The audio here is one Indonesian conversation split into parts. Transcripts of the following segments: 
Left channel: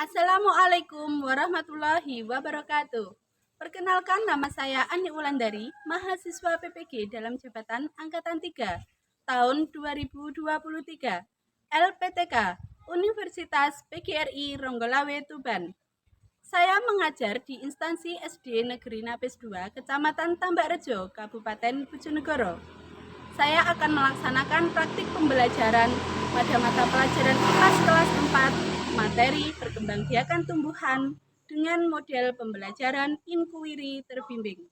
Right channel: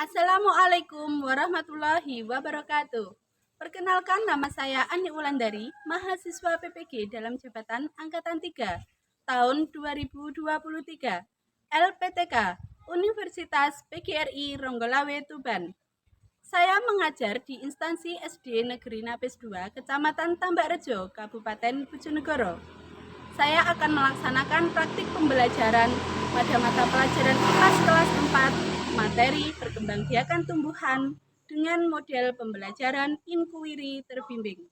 Assalamualaikum warahmatullahi wabarakatuh. Perkenalkan, nama saya Ani Wulandari, mahasiswa PPG dalam jabatan Angkatan 3 tahun 2023, LPTK, Universitas PGRI Ronggolawe Tuban. Saya mengajar di instansi SD Negeri Napis 2, Kecamatan Tambakrejo, Kabupaten Bojonegoro. Saya akan melaksanakan praktik pembelajaran pada mata pelajaran IPAS kelas 4, materi perkembangbiakan tumbuhan dengan model pembelajaran inquiry terbimbing.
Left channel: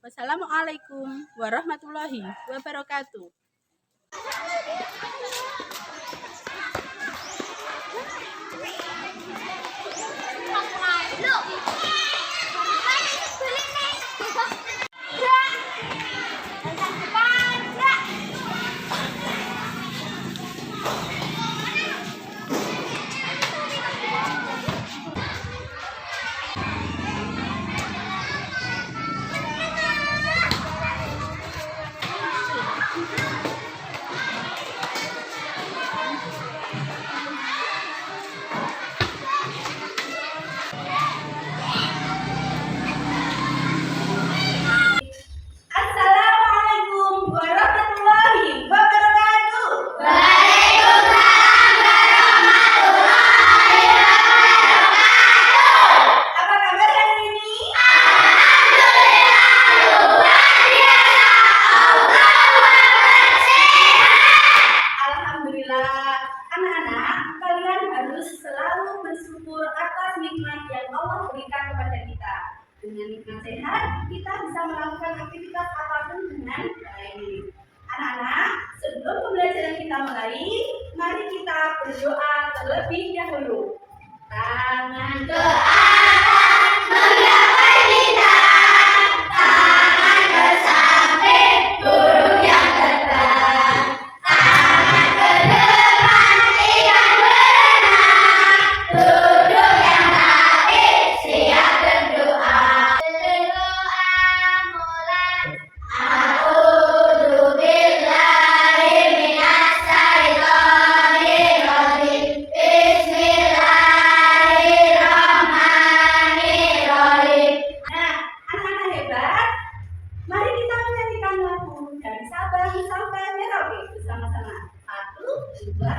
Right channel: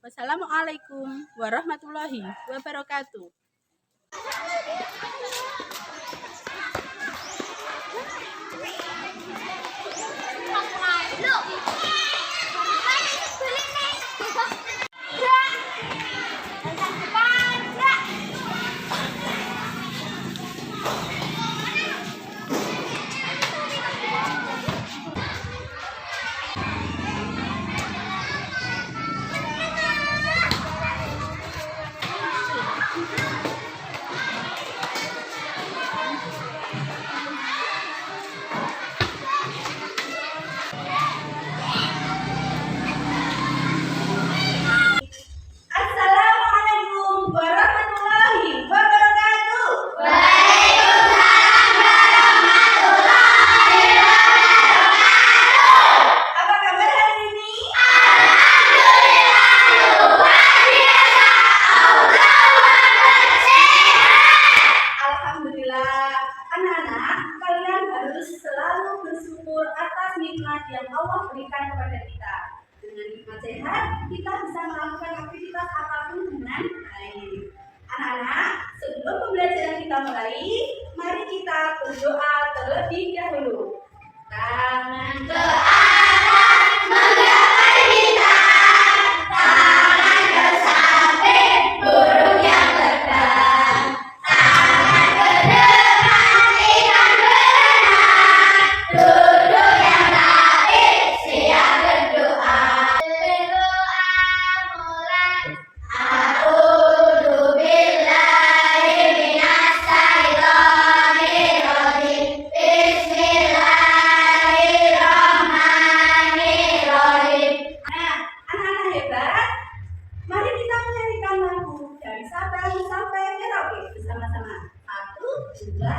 Wassalamualaikum warahmatullahi wabarakatuh. Yang Allah berikan kepada kita. Dengan nikmat sehat, kita bisa melakukan aktivitas apapun dengan baik. Anak-anak, sebelum pembelajaran kita mulai, mari kita berdoa terlebih dahulu. Tangan ke atas, menggapai bintang, tangan ke samping, burung yang terbang, tangan ke depan, ikan berenang, duduk yang baik, siap berdoa. Berdoa mulai. A'udzu billahi minas syaitonir rajim. Bismillahirrahmanirrahim. Nah, anak-anak hebat, mari kita menyanyikan lagu dari Sabang sampai Merauke bersama-sama. 1, 2, 3.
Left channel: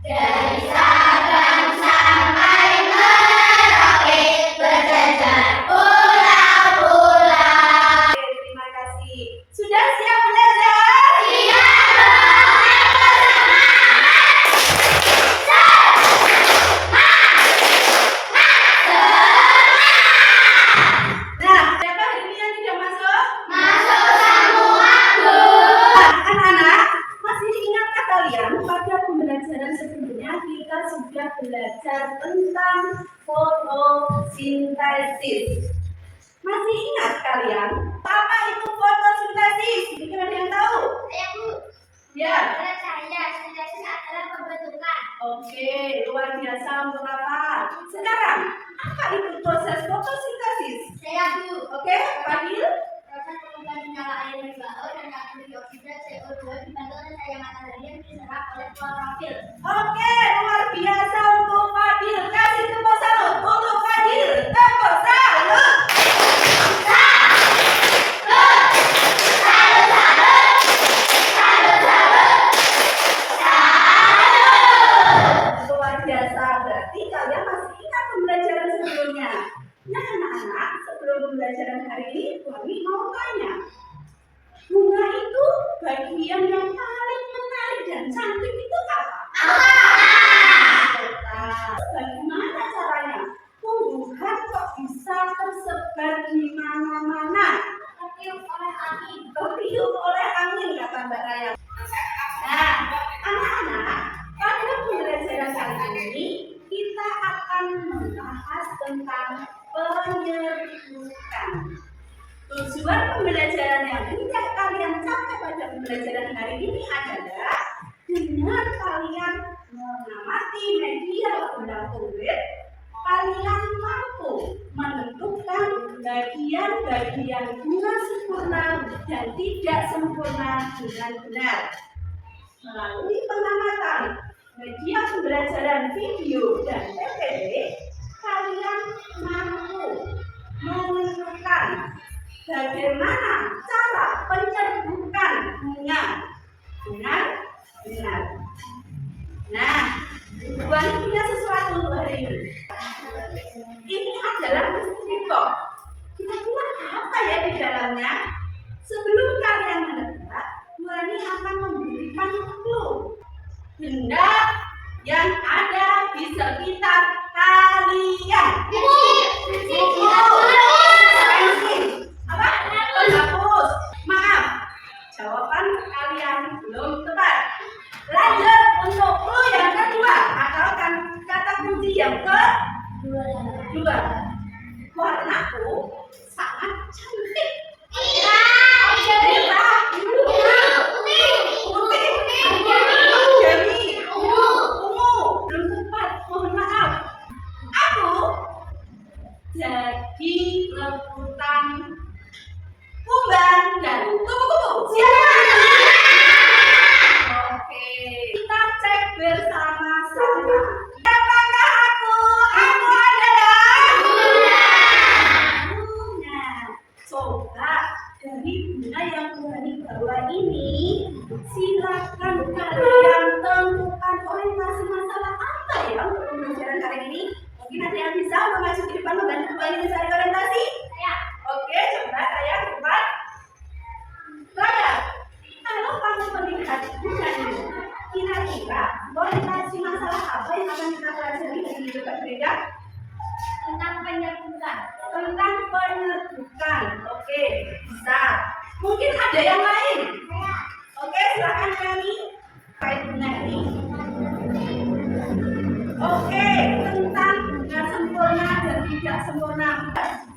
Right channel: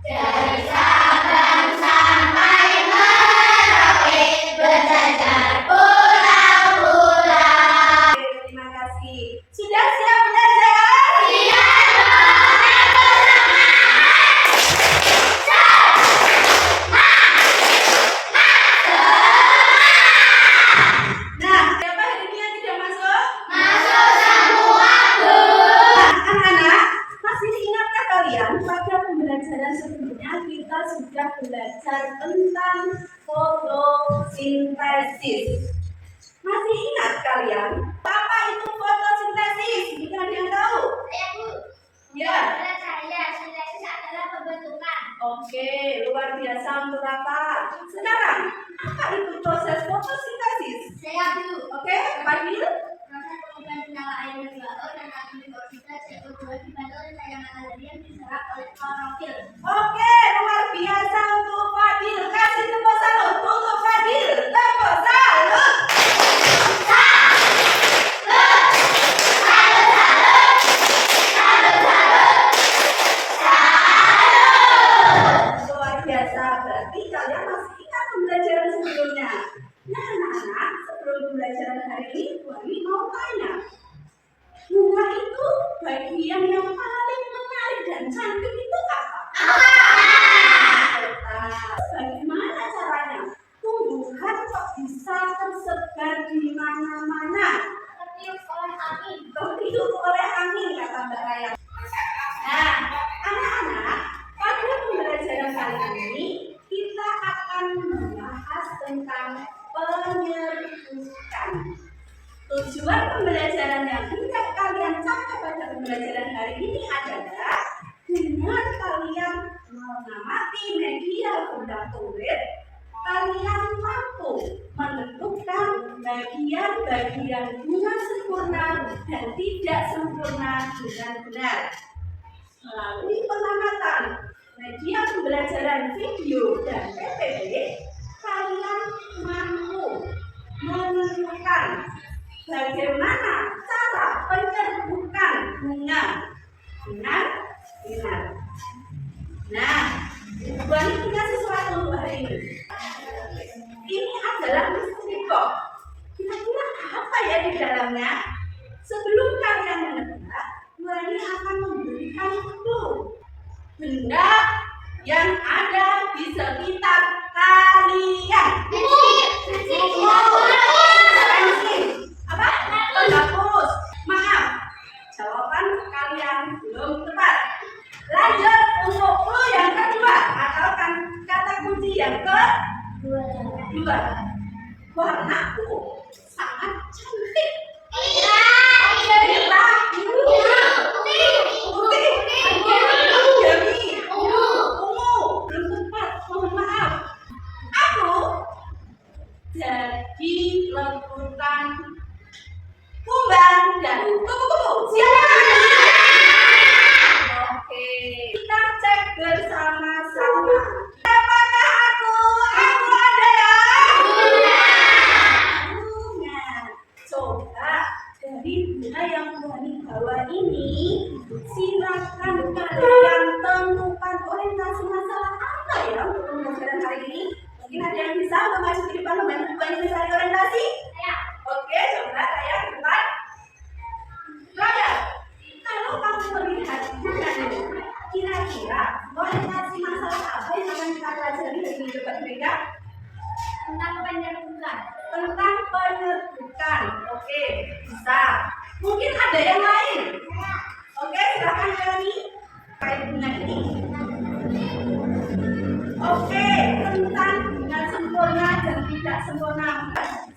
Dari Sabang sampai Merauke berjajar pulau-pulau. Terima kasih. Sudah siap belajar? Siap dong. Nah, siapa hari ini yang tidak masuk? Masuk semua, Bu. Anak-anak, masih ingatkah kalian pada pembelajaran sebelumnya kita sudah belajar tentang fotosintesis? Masih ingat kalian? Apa itu fotosintesis? Mungkin ada yang tahu? Saya, Bu. Ya. Menurut saya, sintesis adalah pembentukan. Oke, luar biasa untuk rapat. Sekarang, apa itu proses fotosintesis? Saya, Bu. Oke, Fadil? Proses pengubahan senyawa air H2O dan atom dioksida CO2 dibantu oleh cahaya matahari yang diserap oleh klorofil. Oke, luar biasa untuk Fadil. Kasih tepuk salut untuk Fadil. Tepuk salut. Luar biasa, berarti kalian masih ingat pembelajaran sebelumnya. Nah, anak-anak, sebelum pembelajaran hari ini, kami mau tanya, bunga itu bagian yang paling menarik dan cantik itu apa? Betul. Bagaimana caranya? Tumbuhan kok bisa tersebar di mana-mana? Tertiup oleh angin. Tertiup oleh angin, kata Mbak Raya. Nah, anak-anak, pada pembelajaran kali ini kita akan membahas tentang penyerbukan. Tujuan pembelajaran yang hendak kalian capai pada pembelajaran hari ini adalah dengan kalian mengamati media undang tumbuh, kalian mampu menentukan bagian-bagian bunga sempurna dan tidak sempurna dengan benar. Melalui pengamatan media pembelajaran video dan PPT, kalian? Pensil. Apa? Penghapus. Maaf, jawaban kalian belum tepat. Lanjut untuk clue yang kedua atau kata kunci yang kedua. Warnaku sangat cantik. Merah, biru, putih, ungu. Belum tepat, mohon maaf. Aku jadi rebutan kumbang dan kupu-kupu. Siapa? Oke, kita cek bersama-sama. Siapakah aku? Aku adalah bunga. Coba dari bunga yang Tuhan bawa ini, silakan kalian tentukan orientasi masalah apa ya untuk pembelajaran hari ini. Mungkin ada yang bisa untuk maju di depan membantu Tuhan mencari orientasi. Oke, coba saya depan. Raya, kalau kamu melihat bunga ini, kira-kira orientasi masalah apa yang akan kita pelajari dari hidup berbeda? Tentang penyerbukan. Tentang penyerbukan. Oke, bisa. Mungkin ada yang lain. Oke, silakan Rani. Kait bunga ini. Oke, tentang bunga sempurna dan tidak sempurna.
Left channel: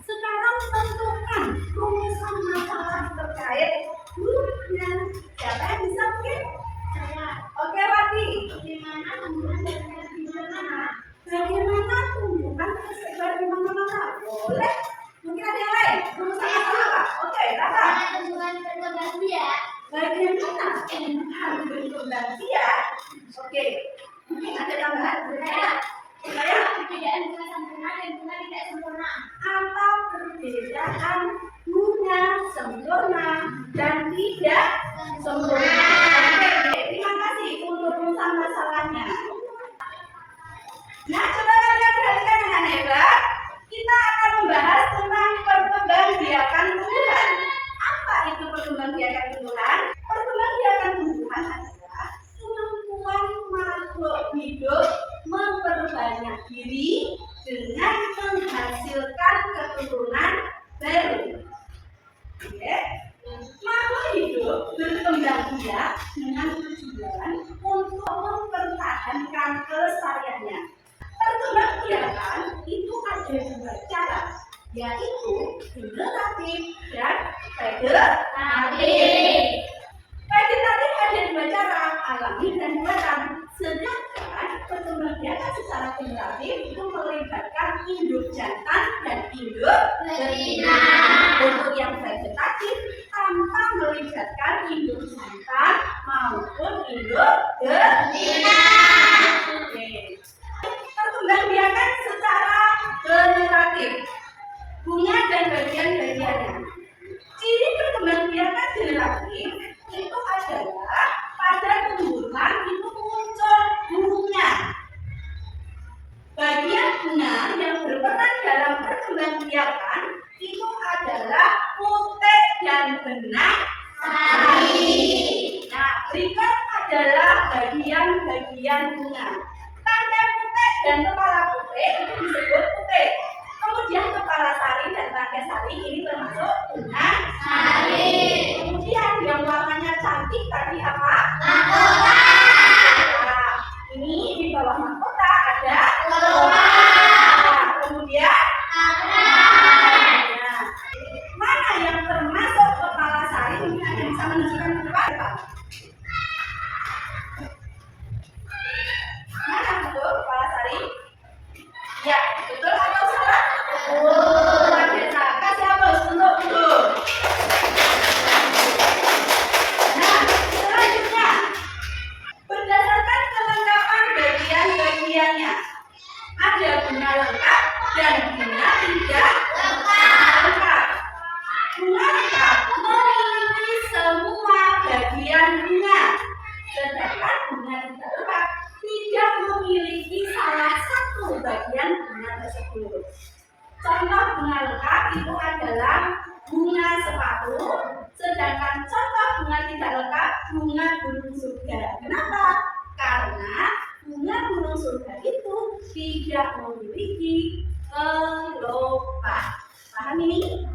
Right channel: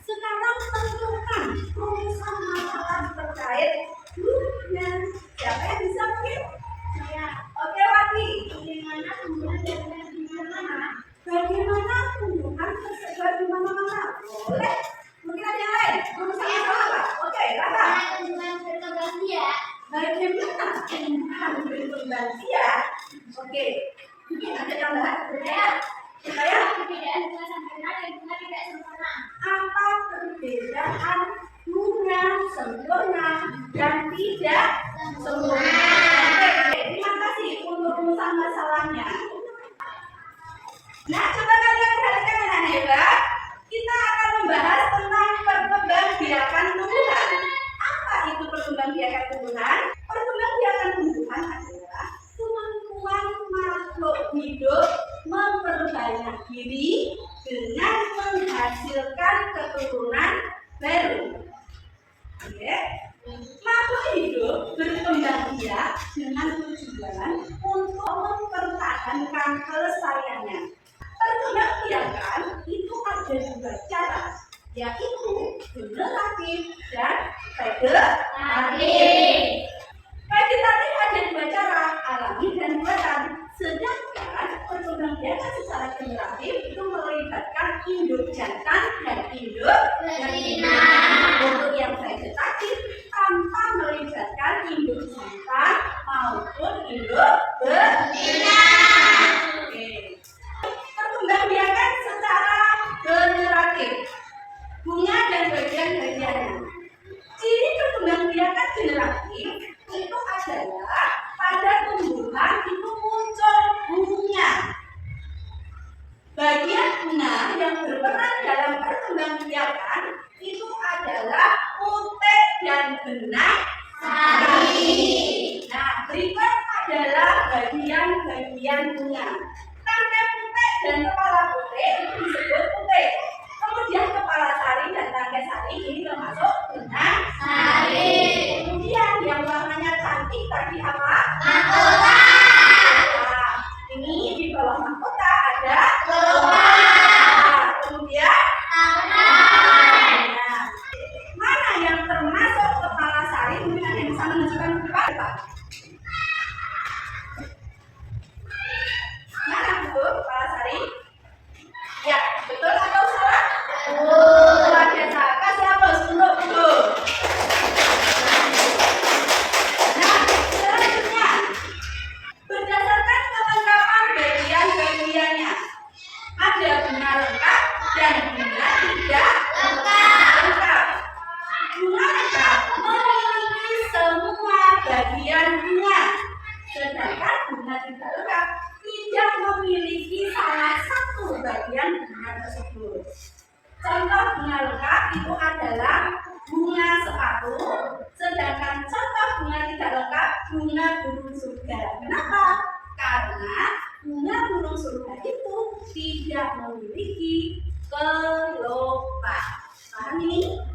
Sekarang tentukan rumusan masalah terkait bunga. Siapa yang bisa mungkin? Saya. Oke, Wati. Bagaimana tumbuhan tersebar di mana-mana? Bagaimana tumbuhan tersebar di mana-mana? Boleh. Mungkin ada yang lain. Rumusan masalah apa? Oke, Raka. Bagaimana tumbuhan berkembang biak? Bagaimana tumbuhan berkembang biak? Oke. Mungkin ada tambahan? Saya? Perbedaan bunga sempurna dan bunga tidak sempurna. Apa perbedaan bunga sempurna dan tidak sempurna? Oke, terima kasih untuk rumusan masalahnya. Nah, coba kalian perhatikan dengan hebat. Kita akan membahas tentang perkembangbiakan tumbuhan. Apa itu perkembangbiakan tumbuhan? Perkembangbiakan tumbuhan adalah kemampuan makhluk hidup memperbanyak diri dengan menghasilkan keturunan baru. Oke. Makhluk hidup berkembang biak dengan tujuan untuk mempertahankan kelestariannya. Perkembangbiakan itu ada dua cara, yaitu generatif dan vegetatif. Vegetatif ada dua cara, alami dan buatan. Sedangkan perkembangbiakan secara generatif itu melibatkan induk jantan dan induk betina. Untuk yang vegetatif tanpa melibatkan induk jantan maupun induk betina. Oke. Perkembangbiakan secara generatif, bunga dan bagian-bagiannya. Ciri perkembangbiakan generatif itu adalah pada tumbuhan itu muncul bunga. Bagian bunga yang berperan dalam perkembangbiakan itu adalah putek dan benang sari. Nah, berikut adalah bagian-bagian bunga. Tangkai putek dan kepala putek itu disebut putek. Kemudian kepala sari dan tangkai sari ini termasuk benang sari. Kemudian yang warnanya cantik tadi apa? Mahkota. Nah, ini di bawah mahkota ada kelopak. Kemudian nah, mana yang termasuk kepala sari? Mungkin ada yang bisa menunjukkan ke depan, Pak. Mana betul kepala sari? Ya, betul atau salah? Luar biasa. Kasih aplaus untuk Ibu. Nah, selanjutnya berdasarkan kelengkapan bagian-bagiannya, ada bunga lengkap dan bunga tidak lengkap. Bunga lengkap memiliki semua bagian bunga, sedangkan bunga tidak lengkap tidak memiliki salah satu bagian bunga tersebut. Contoh bunga lengkap itu adalah bunga sepatu, sedangkan contoh bunga tidak lengkap bunga burung surga. Kenapa? Karena bunga burung surga itu tidak memiliki kelopak. Paham ini?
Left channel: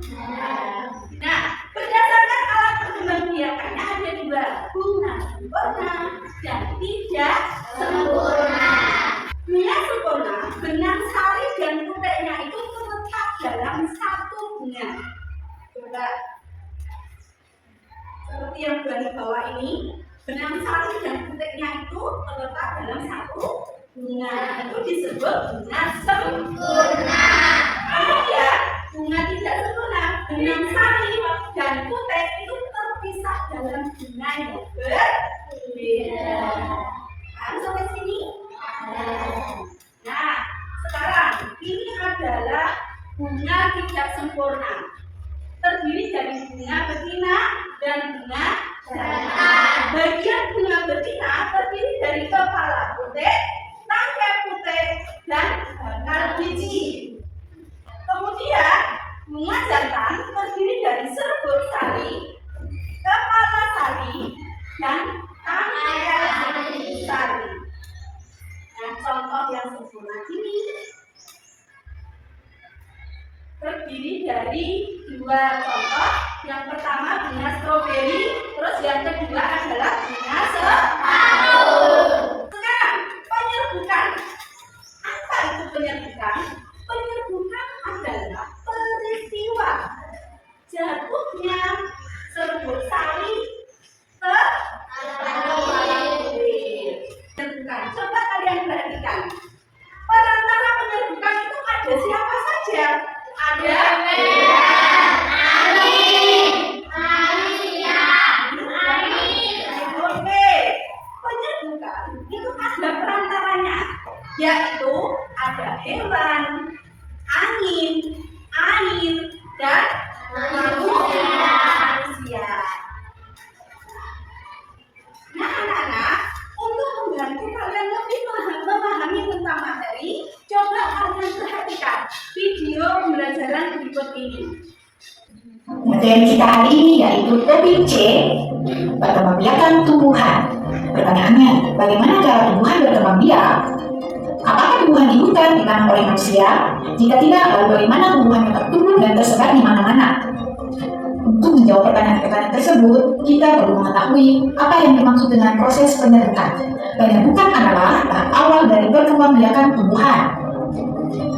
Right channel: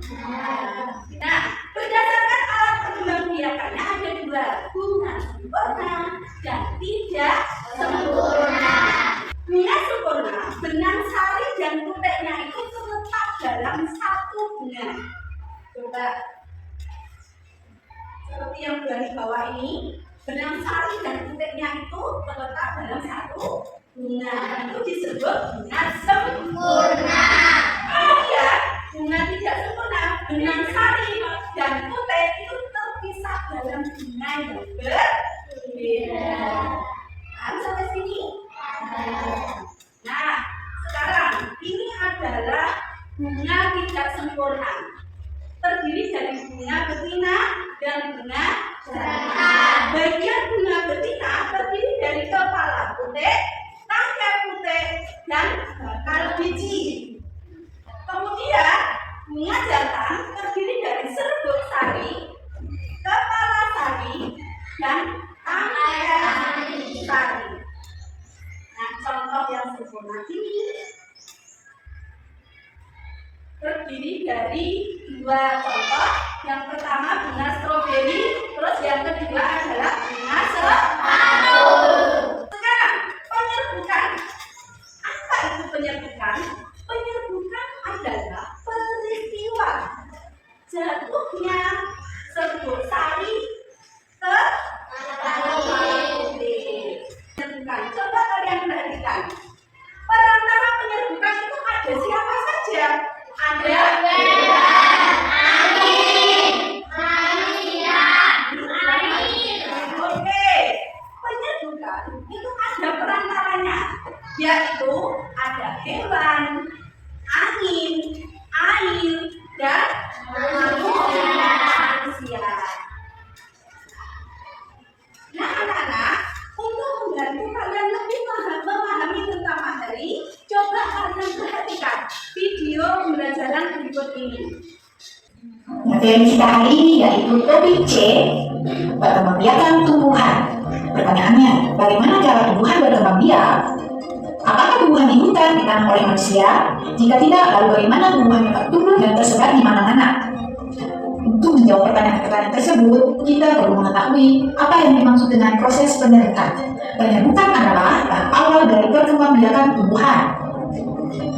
Nah, berdasarkan alat pengembang-biakannya ada dua, bunga sempurna dan tidak sempurna. Bunga sempurna, benang sari dan puteknya itu terletak dalam satu bunga. Coba seperti yang di bawah ini, benang sari dan puteknya itu terletak dalam satu bunga. Itu disebut bunga sempurna. Kemudian bunga tidak sempurna, benang sari dan putek itu terpisah dalam bunga yang berbeda. Harus sampai sini? Nah, sekarang ini adalah bunga tidak sempurna. Terdiri dari bunga betina dan bunga jantan. Bagian bunga betina terdiri dari kepala putek, tangkai putek, dan bakal biji. Kemudian bunga jantan terdiri dari serbuk sari, kepala sari, dan tangkai sari. Nah, contoh yang sempurna ini terdiri dari dua contoh. Yang pertama bunga stroberi, terus yang kedua adalah bunga sepatu. Sekarang penyerbukan. Apa itu penyerbukan? Penyerbukan adalah peristiwa jatuhnya serbuk sari ke kepala putek. Penyerbukan. Coba kalian perhatikan. Perantara penyerbukan itu ada siapa saja? Ada penyerbukan itu ada perantaranya, yaitu ada hewan, angin, air, dan manusia. Nah, anak-anak, untuk membantu kalian lebih memahami tentang materi, coba kalian perhatikan video pembelajaran berikut ini. Materi kita hari ini yaitu topik C, berkembang biakan tumbuhan. Pertanyaannya, bagaimana cara tumbuhan berkembang biak? Apakah tumbuhan di hutan ditanam oleh manusia? Jika tidak, lalu bagaimana tumbuhan dapat tumbuh dan tersebar di mana-mana? Untuk menjawab pertanyaan-pertanyaan tersebut, kita perlu mengetahui apa yang dimaksud dengan proses penyerbukan. Penyerbukan adalah tahap awal dari perkembangbiakan tumbuhan.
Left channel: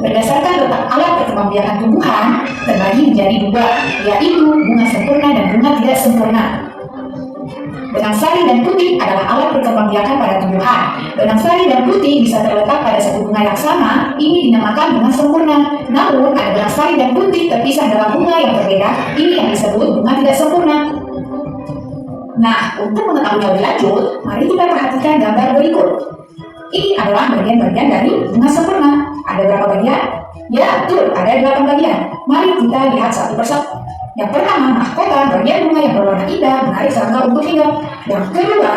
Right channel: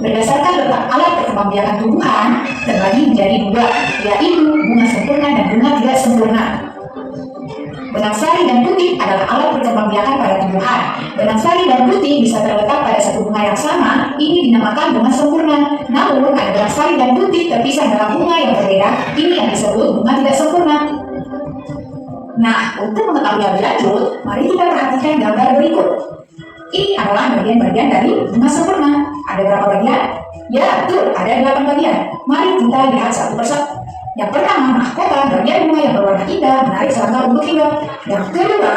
Berdasarkan letak alat perkembangbiakan tumbuhan terbagi menjadi dua, yaitu bunga sempurna dan bunga tidak sempurna. Benang sari dan putih adalah alat perkembangbiakan pada tumbuhan. Benang sari dan putih bisa terletak pada satu bunga yang sama, ini dinamakan bunga sempurna. Namun, ada benang sari dan putih terpisah dalam bunga yang berbeda, ini yang disebut bunga tidak sempurna. Nah, untuk mengetahui lebih lanjut, mari kita perhatikan gambar berikut. Ini adalah bagian-bagian dari bunga sempurna. Ada berapa bagian? Ya, betul, ada 8 bagian. Mari kita lihat satu persatu. Yang pertama, mahkota, bagian bunga yang berwarna indah, menarik serangga untuk hinggap. Yang kedua,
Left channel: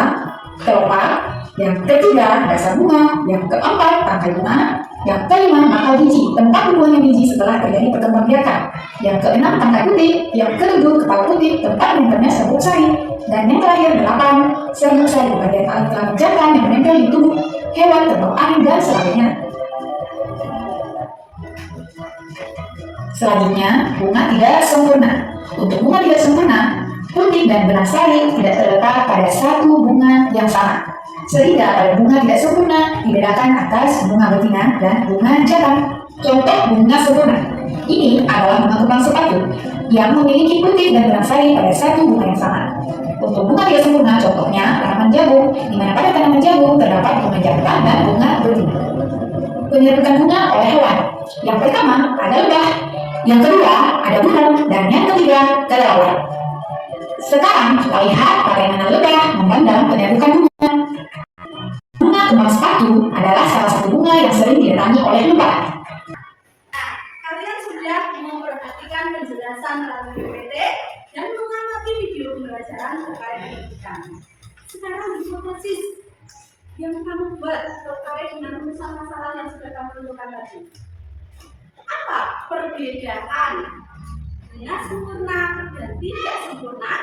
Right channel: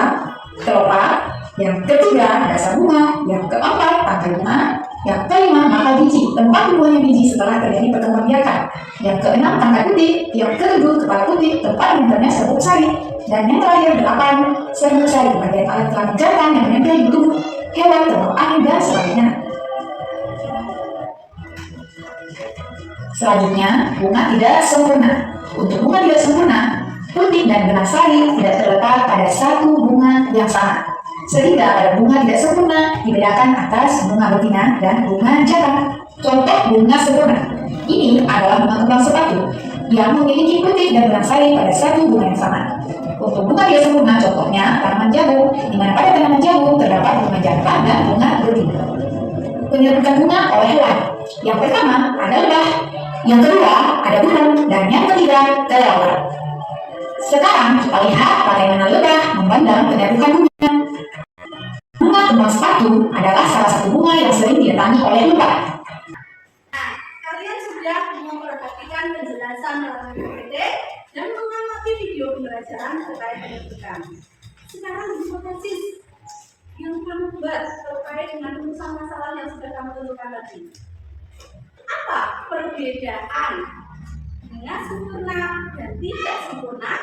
kelopak. Yang ketiga, dasar bunga. Yang keempat, tangkai bunga. Yang kelima, mata biji, tempat tumbuhnya biji setelah terjadi perkembangbiakan. Yang keenam, tangkai putih. Yang ketujuh, kepala putih, tempat menempelnya serbuk sari. Dan yang terakhir, 8, serbuk sari, bagian alat kelamin jantan yang menempel di tubuh hewan, terbawa angin, dan sebagainya. Selanjutnya, bunga tidak sempurna. Untuk bunga tidak sempurna, putih dan benang sari tidak terletak pada satu bunga yang sama. Sehingga pada bunga tidak sempurna dibedakan atas bunga betina dan bunga jantan. Contoh bunga sempurna. Ini adalah bunga kembang sepatu yang memiliki putih dan benang sari pada satu bunga yang sama. Untuk bunga tidak sempurna, contohnya tanaman jagung, di mana pada tanaman jagung terdapat bunga jantan dan bunga betina. Penyerbukan bunga oleh hewan. Yang pertama ada lebah, yang kedua ada burung, dan yang ketiga kelelawar. Sekarang kita lihat bagaimana lebah memandang penyerbukan bunga. Bunga kembang sepatu adalah salah satu bunga yang sering didatangi oleh lebah. Nah, kalian sudah memperhatikan penjelasan melalui PPT dan mengamati video pembelajaran terkait penyerbukan. Sekarang hipotesis yang kamu buat terkait dengan rumusan masalah yang sudah kamu tentukan tadi. Apa perbedaan bunga sempurna dan tidak sempurna?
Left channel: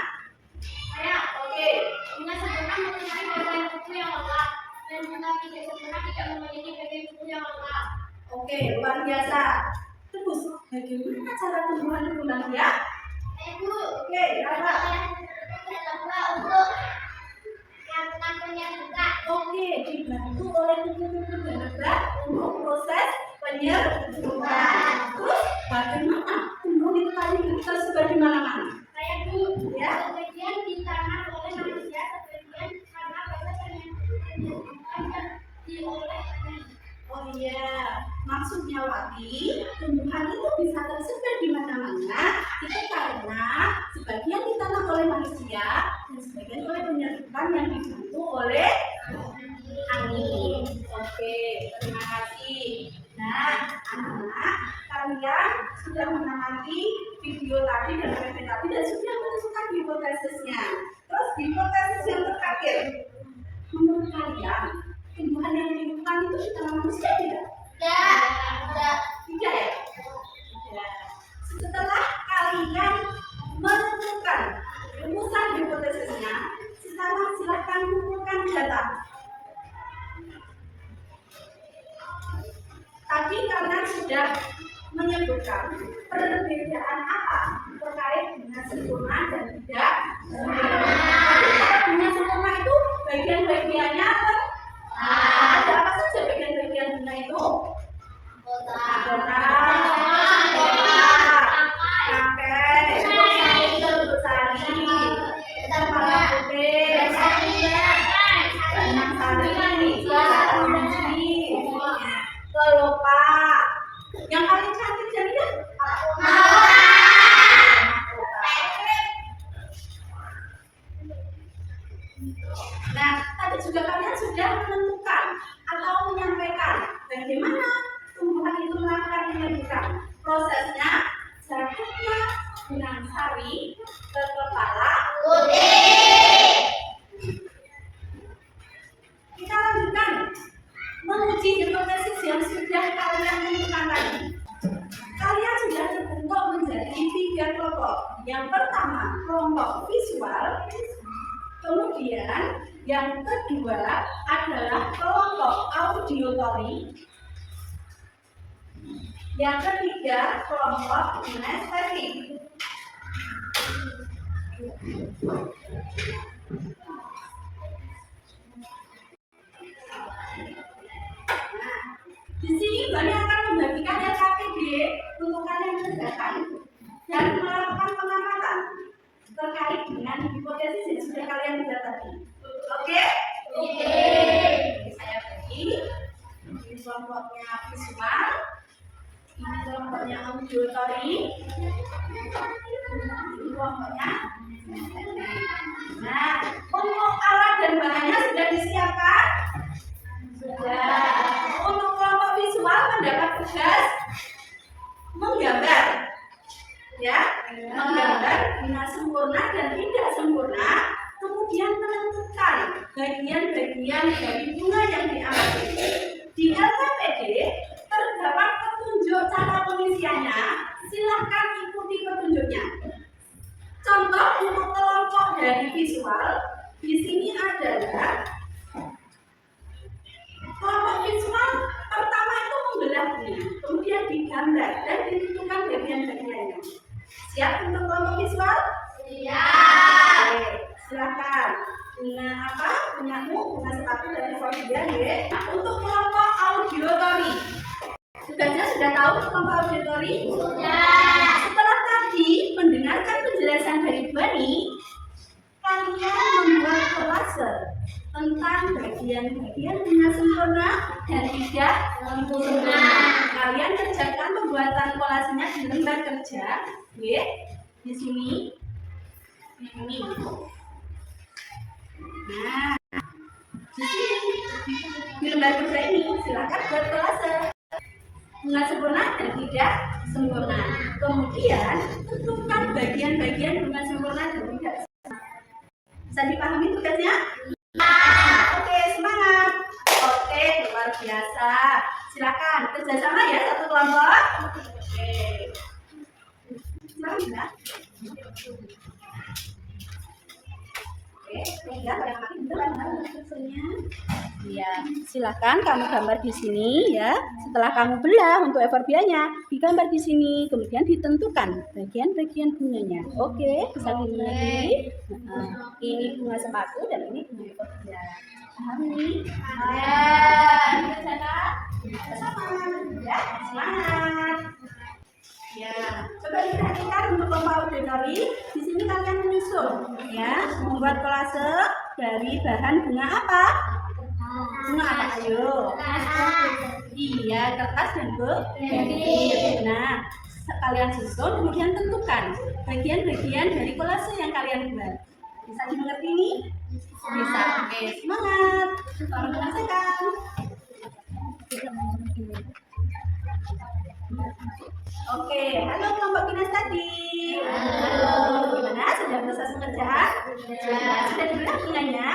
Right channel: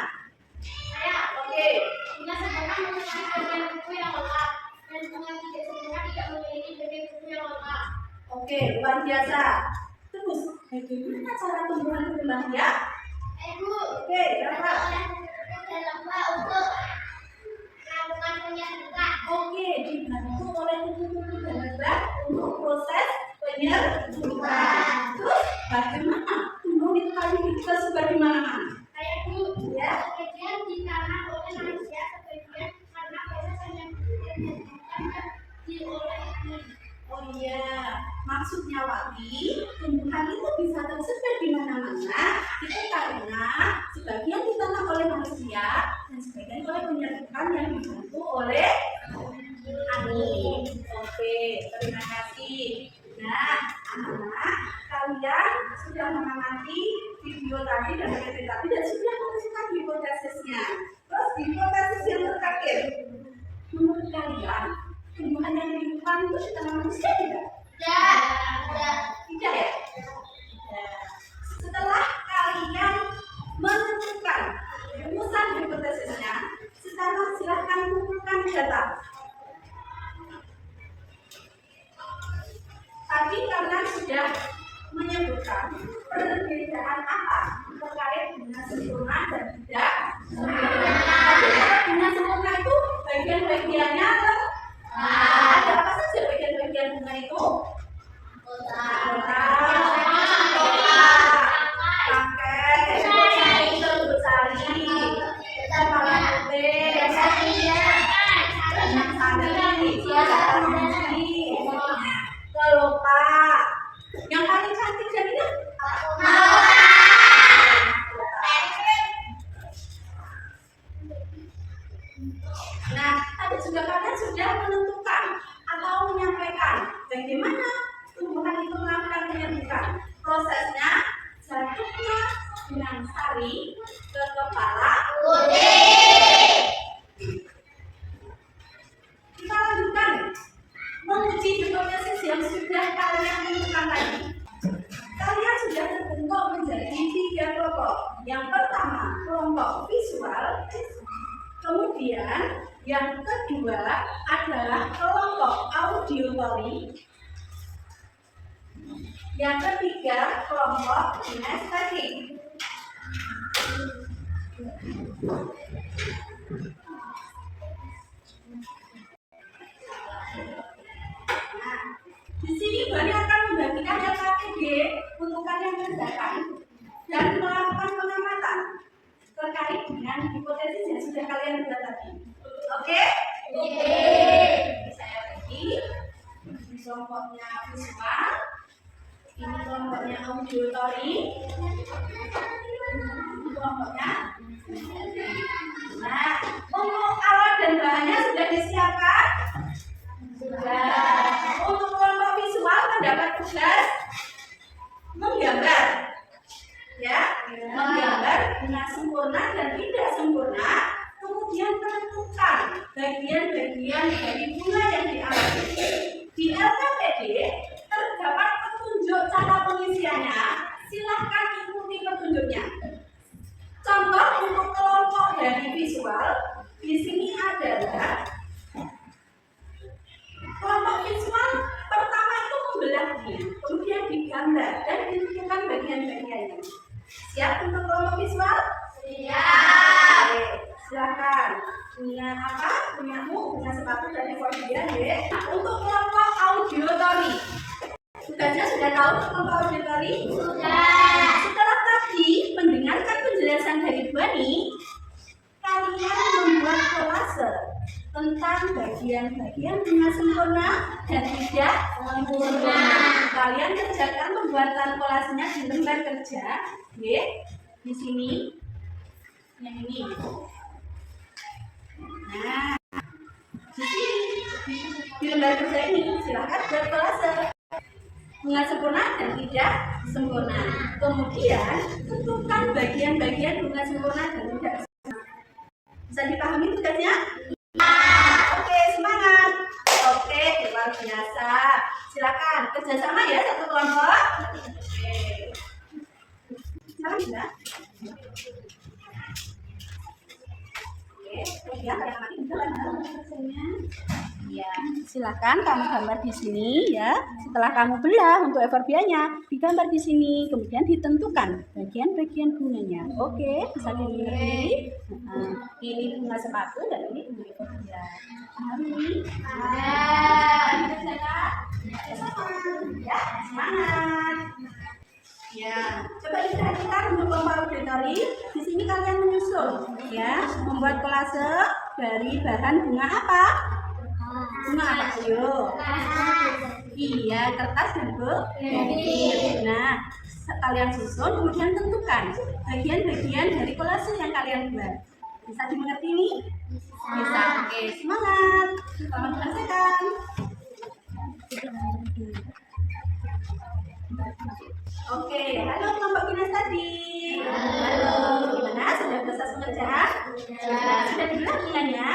Saya, Oke, bunga sempurna mempunyai bagian tubuh yang lengkap. Dan bunga tidak sempurna tidak memiliki bagian tubuh yang lengkap. Oke, luar biasa. Terus, bagaimana cara tumbuhan berkembang biak? Ibu, Oke, Rafa. dan lembah untuk melakukan penyerbukan. Oke, dibantu oleh tubuh-tubuh berlembab untuk proses penyerbukan. Terus, bagaimana tumbuhan itu tadi tersebar di mana-mana? Kayak Bu, Ya. sebagian ditanam oleh manusia, sebagian karena proses penyerbukan oleh angin. Oh iya, maksudnya Wati, tumbuhan itu bisa tersebar di mana-mana itu karena sebagian ditanam oleh manusia dan sebagian oleh penyerbukan yang dibantu oleh angin. Oke, terima kasih. Nah, anak-anak, kalian sudah mengamati video tadi dan materi tadi dan sudah menentukan hipotesisnya. Terus hipotesis yang terakhir, menurut kalian tumbuhan yang ditanam itu ditanam manusia tidak? Tidak ya? Tidak. Setelah kalian menentukan rumusan hipotesisnya, sekarang silahkan kumpulkan data. Tadi kalian sudah menyebutkan perbedaan apa terkait dengan sempurna dan tidak sempurna. Tapi kalau dengan sempurna itu bagian-bagiannya ada apa saja bagian-bagian bunga itu? Kelopak. Yang paling cantik jadinya apa? Nah, tadi juga kalian sudah menentukan atau menyampaikan bagaimana tumbuhan itu melakukan penyerbukan. Prosesnya jatuhnya benang sari ke kepala putih. Kita lanjutkan menguji hipotesis yang sudah kalian tentukan tadi. Kalian sudah terbentuk menjadi 3 kelompok. Yang pertama, kelompok visual. Kemudian yang kedua adalah kelompok auditory. Yang ketiga, kelompok kinestetik. Di sini Bani akan membagikan LKPD untuk kalian kerjakan dan melakukan pengamatan terkait dengan hipotesis yang sudah kalian buat tadi. Oke? Oke. Saya bagi. Ini kelompoknya visual. Ini kelompoknya auditory. Ini kelompoknya. Nah, untuk alat dan bahannya sudah disiapkan? Sudah. Untuk kelompok visual mendapat tugas menggambar, ya, menggambar bunga sempurna dan tidak sempurna, kemudian menentukan bagian-bagian dari bunga yang diamati. Di LKPD terdapat petunjuk cara pengisiannya, silahkan ikuti petunjuknya. Contoh untuk kelompok dari visual, di sini adalah kelompok visual pertama itu membelahnya, kemudian digambar dan ditentukan bagian-bagiannya. Siap untuk kelompok visual? Siap. Oke, silakan. Bunga apa? Bungamu, bunga sepatu dari Fordia, ya. Untuk kelompok auditory, tugasnya sudah tahu kelompok auditory? Sudah. Setelah tadi mendengarkan penjelasan dari Bani, kalian membuat kolase tentang bagian-bagian bunga sempurna dan tidak sempurna. Kalian kerjakan pembuatan kolasenya di lembar kerja, ya, di sini, yang ini. Nah, di sini di lembar kerja ini silakan buat kolase bunga sempurna dan tidak sempurna. Kemudian tentukan bagian-bagian bunga sempurna dan tidak sempurna. Bisa dipahami tugasnya? Oke, semangat. Oke, luar biasa. Silakan kerjasama ya satu kelompok. Oke. Silakan ya. Oke, kemudian yang Pelan kerjanya. Ya, silakan kamu gambar di sini ya. Setelah kamu belah untuk eforbianya, digambar di sini, kemudian ditentukan bagian-bagian bunganya. Oke, bisa dimengerti? Ini bunga sepatu dan ini bunga eforbia. Pahami? Ya. Bersama. Ya, semangat. Ya, coba diperhatikan untuk kelompok auditory. Di sini kalian menyusun, ya, membuat kolase dari bahan bunga apa? Bunga apa? Ayo. Iya, kertas dan bukit. Nah, kalian susun, kemudian tentukan bagian-bagian dari kolase yang kalian buat. Bisa dimengerti ini? Bisa. Oke, semangat. Selamat mengerjakan. Oke, halo kelompok kinestadi. Halo, gimana? Sudah selesai pengerjaan? Sudah dibelah bunganya?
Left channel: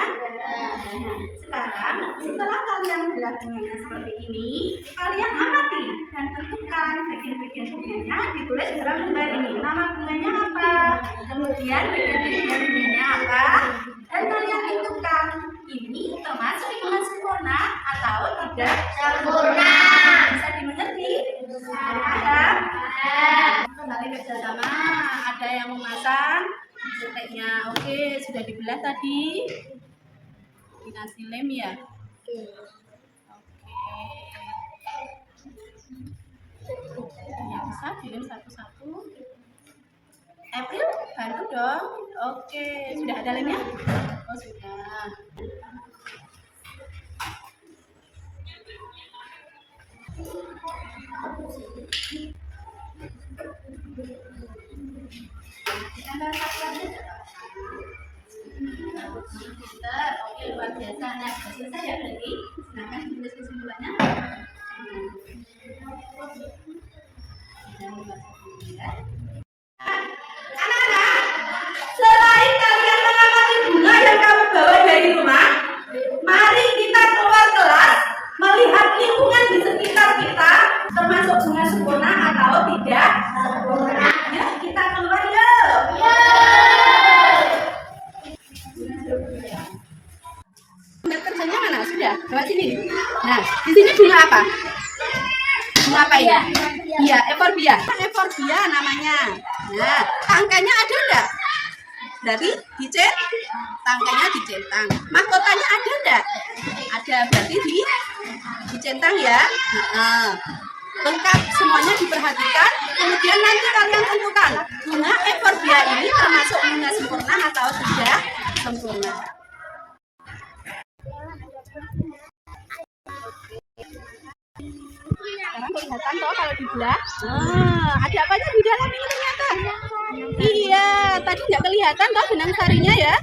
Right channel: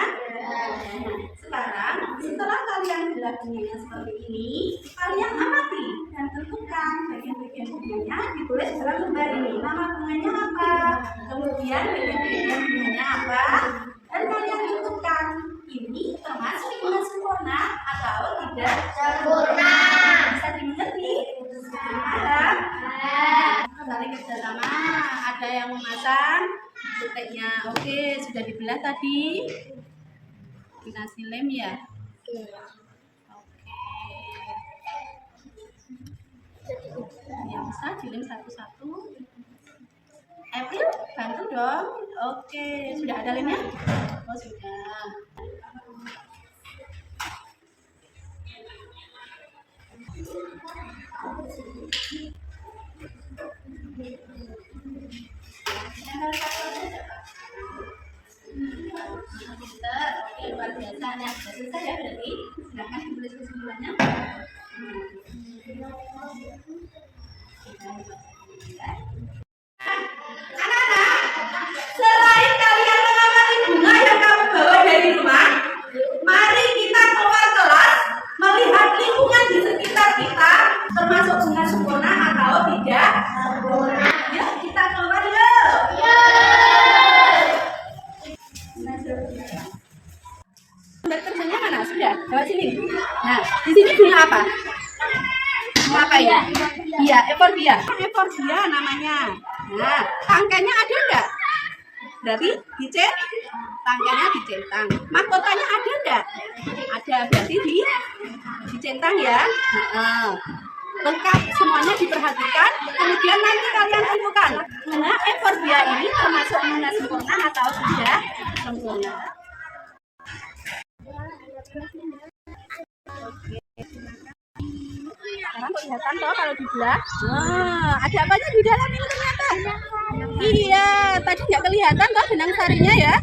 Nah, sekarang setelah kalian belah bunganya seperti ini, kalian amati dan tentukan bagian-bagian bunganya ditulis dalam lembar ini. Nama bunganya apa? Kemudian bagian-bagian bunganya apa? Dan kalian tentukan ini termasuk bunga sempurna atau tidak sempurna. Bisa dimengerti? Paham? Saling kerjasama. Ada yang memasang titiknya. Oke, sudah dibelah tadi. Dikasih lem ya. Oke. Ya bisa dilem satu-satu. April, bantu dong. Oke, sudah ada lemnya? Oh sudah. Pinter, oke luar biasa. Nah, sudah selesai ya berarti. Silakan ditulis kesimpulannya. Anak-anak, selain kalian mengamati bunga yang kamu bawa dari rumah, mari kita keluar kelas melihat lingkungan di sekitar kita, termasuk bunga sempurna atau tidak sempurna. Yuk kita keluar yuk. Gambar kerjanya mana? Sudah, lewat sini. Nah, di sini bunga apa? Bunga apa ya? Iya, eforbia. Eforbia namanya. Nah, tangkainya ada enggak? Berarti tangkainya dicentang. Mahkotanya ada enggak? Ada, berarti dicentang ya. Lengkap semuanya diperhatikan. Kemudian nanti kalian tentukan bunga eforbia ini termasuk bunga sempurna atau tidak sempurna. Sekarang kelihatan toh kalau dibelah. Ada apanya di dalam ini ternyata? Iya, tadi nggak kelihatan toh benang sarinya ya.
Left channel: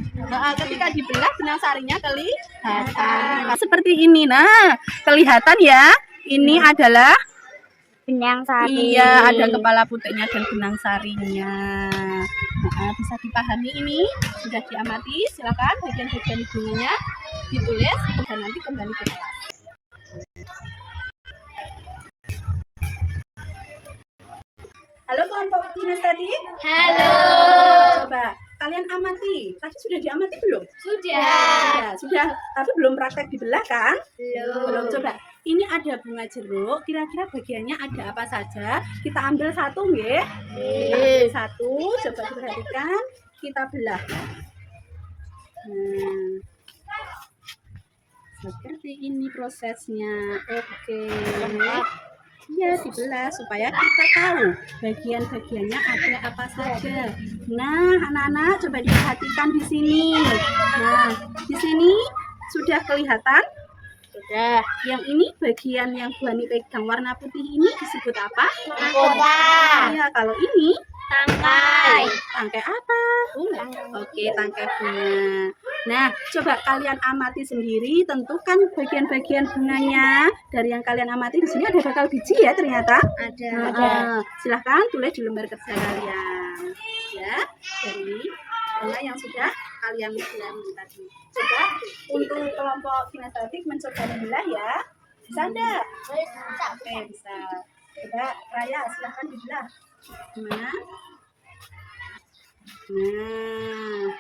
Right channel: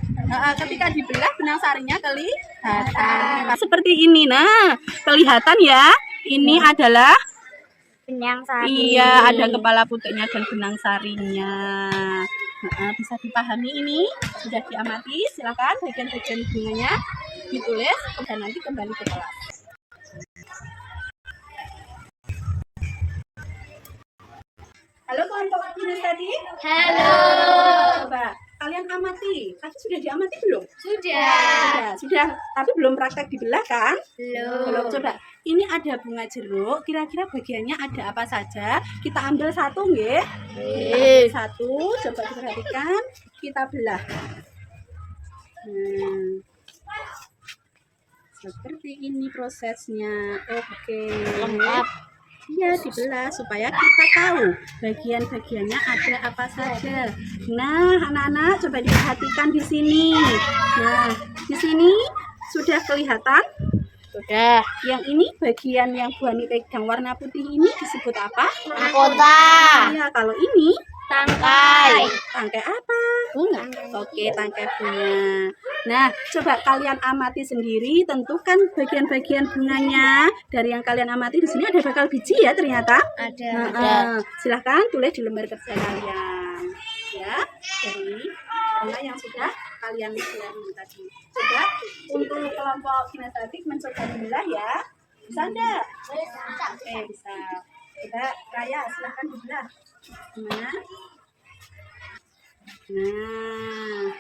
Ketika dibelah benang sarinya kelihatan. Seperti ini. Nah, kelihatan ya. Ini adalah benang sari. Iya, ada kepala putihnya dan benang sarinya. Bisa dipahami ini? Sudah diamati? Silakan bagian-bagian bunganya ditulis dan nanti kembali ke kelas. Halo kelompok kinestadi. Halo. Coba kalian amati. Tadi sudah diamati belum? Sudah. Tapi belum praktek dibelah kan? Belum. Coba. Ini ada bunga jeruk. Kira-kira bagiannya ada apa saja? Kita ambil satu, nggih? Satu. Coba diperhatikan. Kita belah. Seperti ini prosesnya. Oke. Iya, dibelah supaya kita tahu bagian-bagiannya ada apa saja. Nah, anak-anak coba diperhatikan di sini. Nah, di sini sudah kelihatan? Sudah. Yang ini bagian yang Bu Hani pegang warna putih ini disebut apa? Mahkota. Iya, kalau ini Tangkai. tangkai apa? Bunga. Oke, tangkai bunga. Nah, coba kalian amati sendiri, tentukan bagian-bagian bunganya. Dari yang kalian amati di sini ada bakal biji ya ternyata. Ada. Silahkan tulis di lembar kerja kalian. Ya, dari bunga yang sudah kalian pelajari tadi. Coba untuk kelompok kinestetik mencoba membelah ya. Bisa enggak? Oke, bisa. Coba Raya, silahkan dibelah. Gimana? Nah,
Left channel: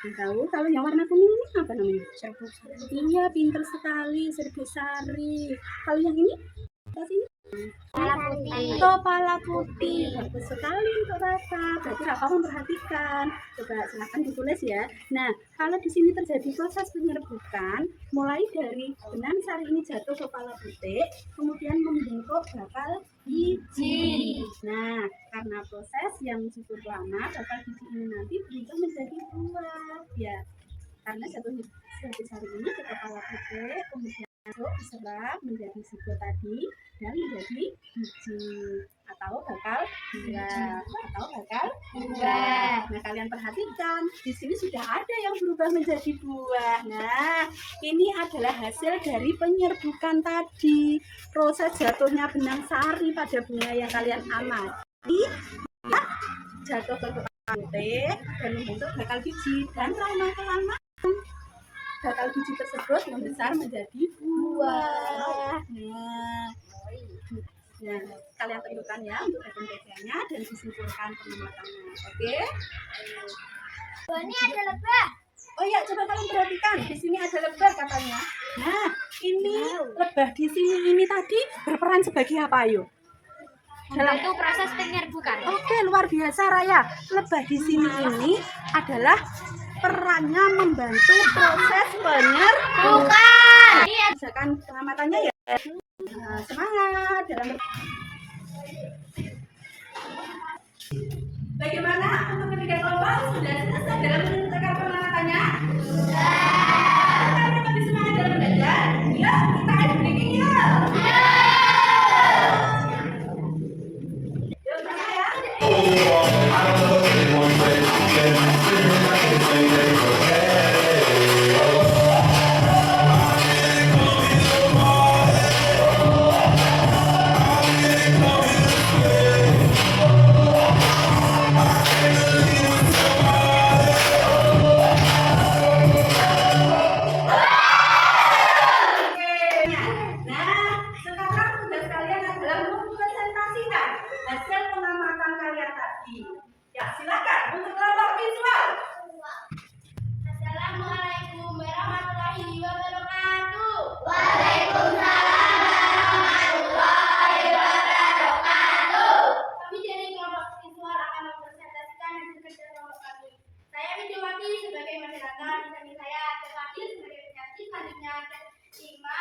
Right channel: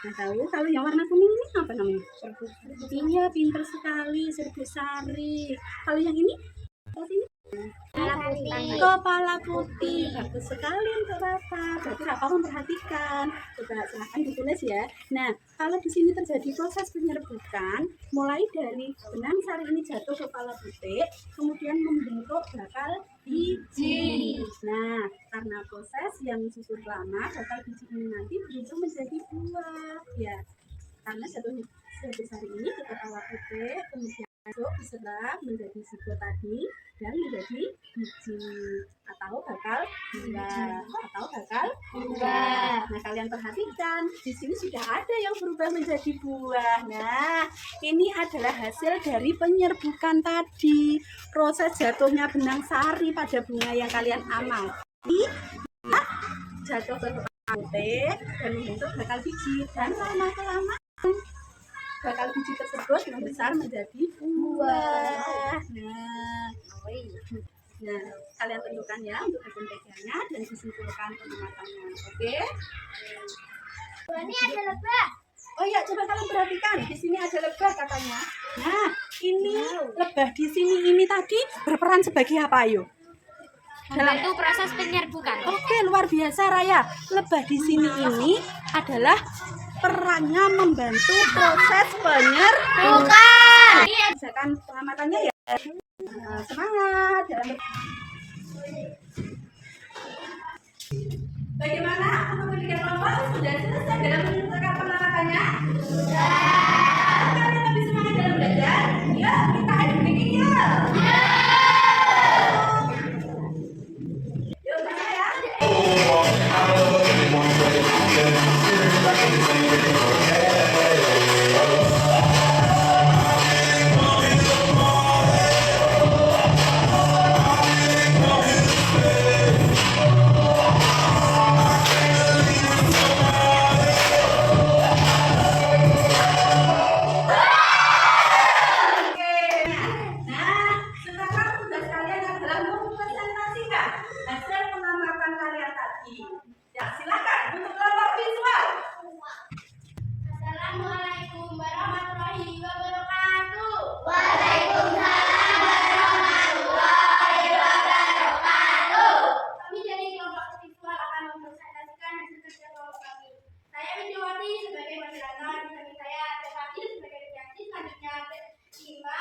Nah, tahu kalau yang warna kuning ini apa namanya? Serbu. Iya, pinter sekali, serbu sari. Kalau yang ini? Ini kepala putih. Bagus sekali untuk Rafa. Berarti Rafa memperhatikan. Coba silahkan ditulis ya. Nah, kalau di sini terjadi proses penyerbukan, mulai dari benang sari ini jatuh ke kepala putih, kemudian membentuk bakal biji. Nah, karena proses yang cukup lama, bakal biji ini nanti berubah menjadi buah. Ya, karena jatuhnya sari ini ke kepala putih, kemudian masuk diserap menjadi zigot tadi dan menjadi biji atau bakal buah. Nah, kalian perhatikan di sini sudah ada yang berubah menjadi buah. Nah, ini adalah hasil dari penyerbukan tadi. Proses jatuhnya benang sari pada bunga yang kalian amati jatuh ke kepala putih dan membentuk bakal biji, dan lama-kelamaan bakal biji tersebut membesar menjadi buah. Nah, kalian tentukan ya untuk bagian-bagiannya dan disimpulkan pengamatannya. Oke? Ini ada lebah. Oh ya, coba kalian perhatikan. Di sini ada lebah katanya. Nah, ini lebah di sini ini tadi berperan sebagai apa, ayo? Membantu proses penyerbukan. Oke, luar biasa Raya. Lebah di sini ini adalah perannya membantu proses penyerbukan. Misalkan pengamatannya ya. Nah, semangat dalam bagaimana untuk ketiga kelompok sudah selesai dalam menentukan pengamatannya? Sudah. Kalian lebih semangat dalam belajar? Yuk, kita adu breaking yuk. Yuk, sana ya. Nah, sekarang tugas kalian adalah mempresentasikan hasil pengamatan kalian tadi. Ya, silakan untuk kelompok visual. Assalamualaikum warahmatullahi wabarakatuh. Kami dari kelompok visual akan mempresentasikan hasil kerja kelompok kami. Saya Widiwati sebagai masyarakat, di samping saya ada Fadil sebagai penyaksi, selanjutnya ada Ima,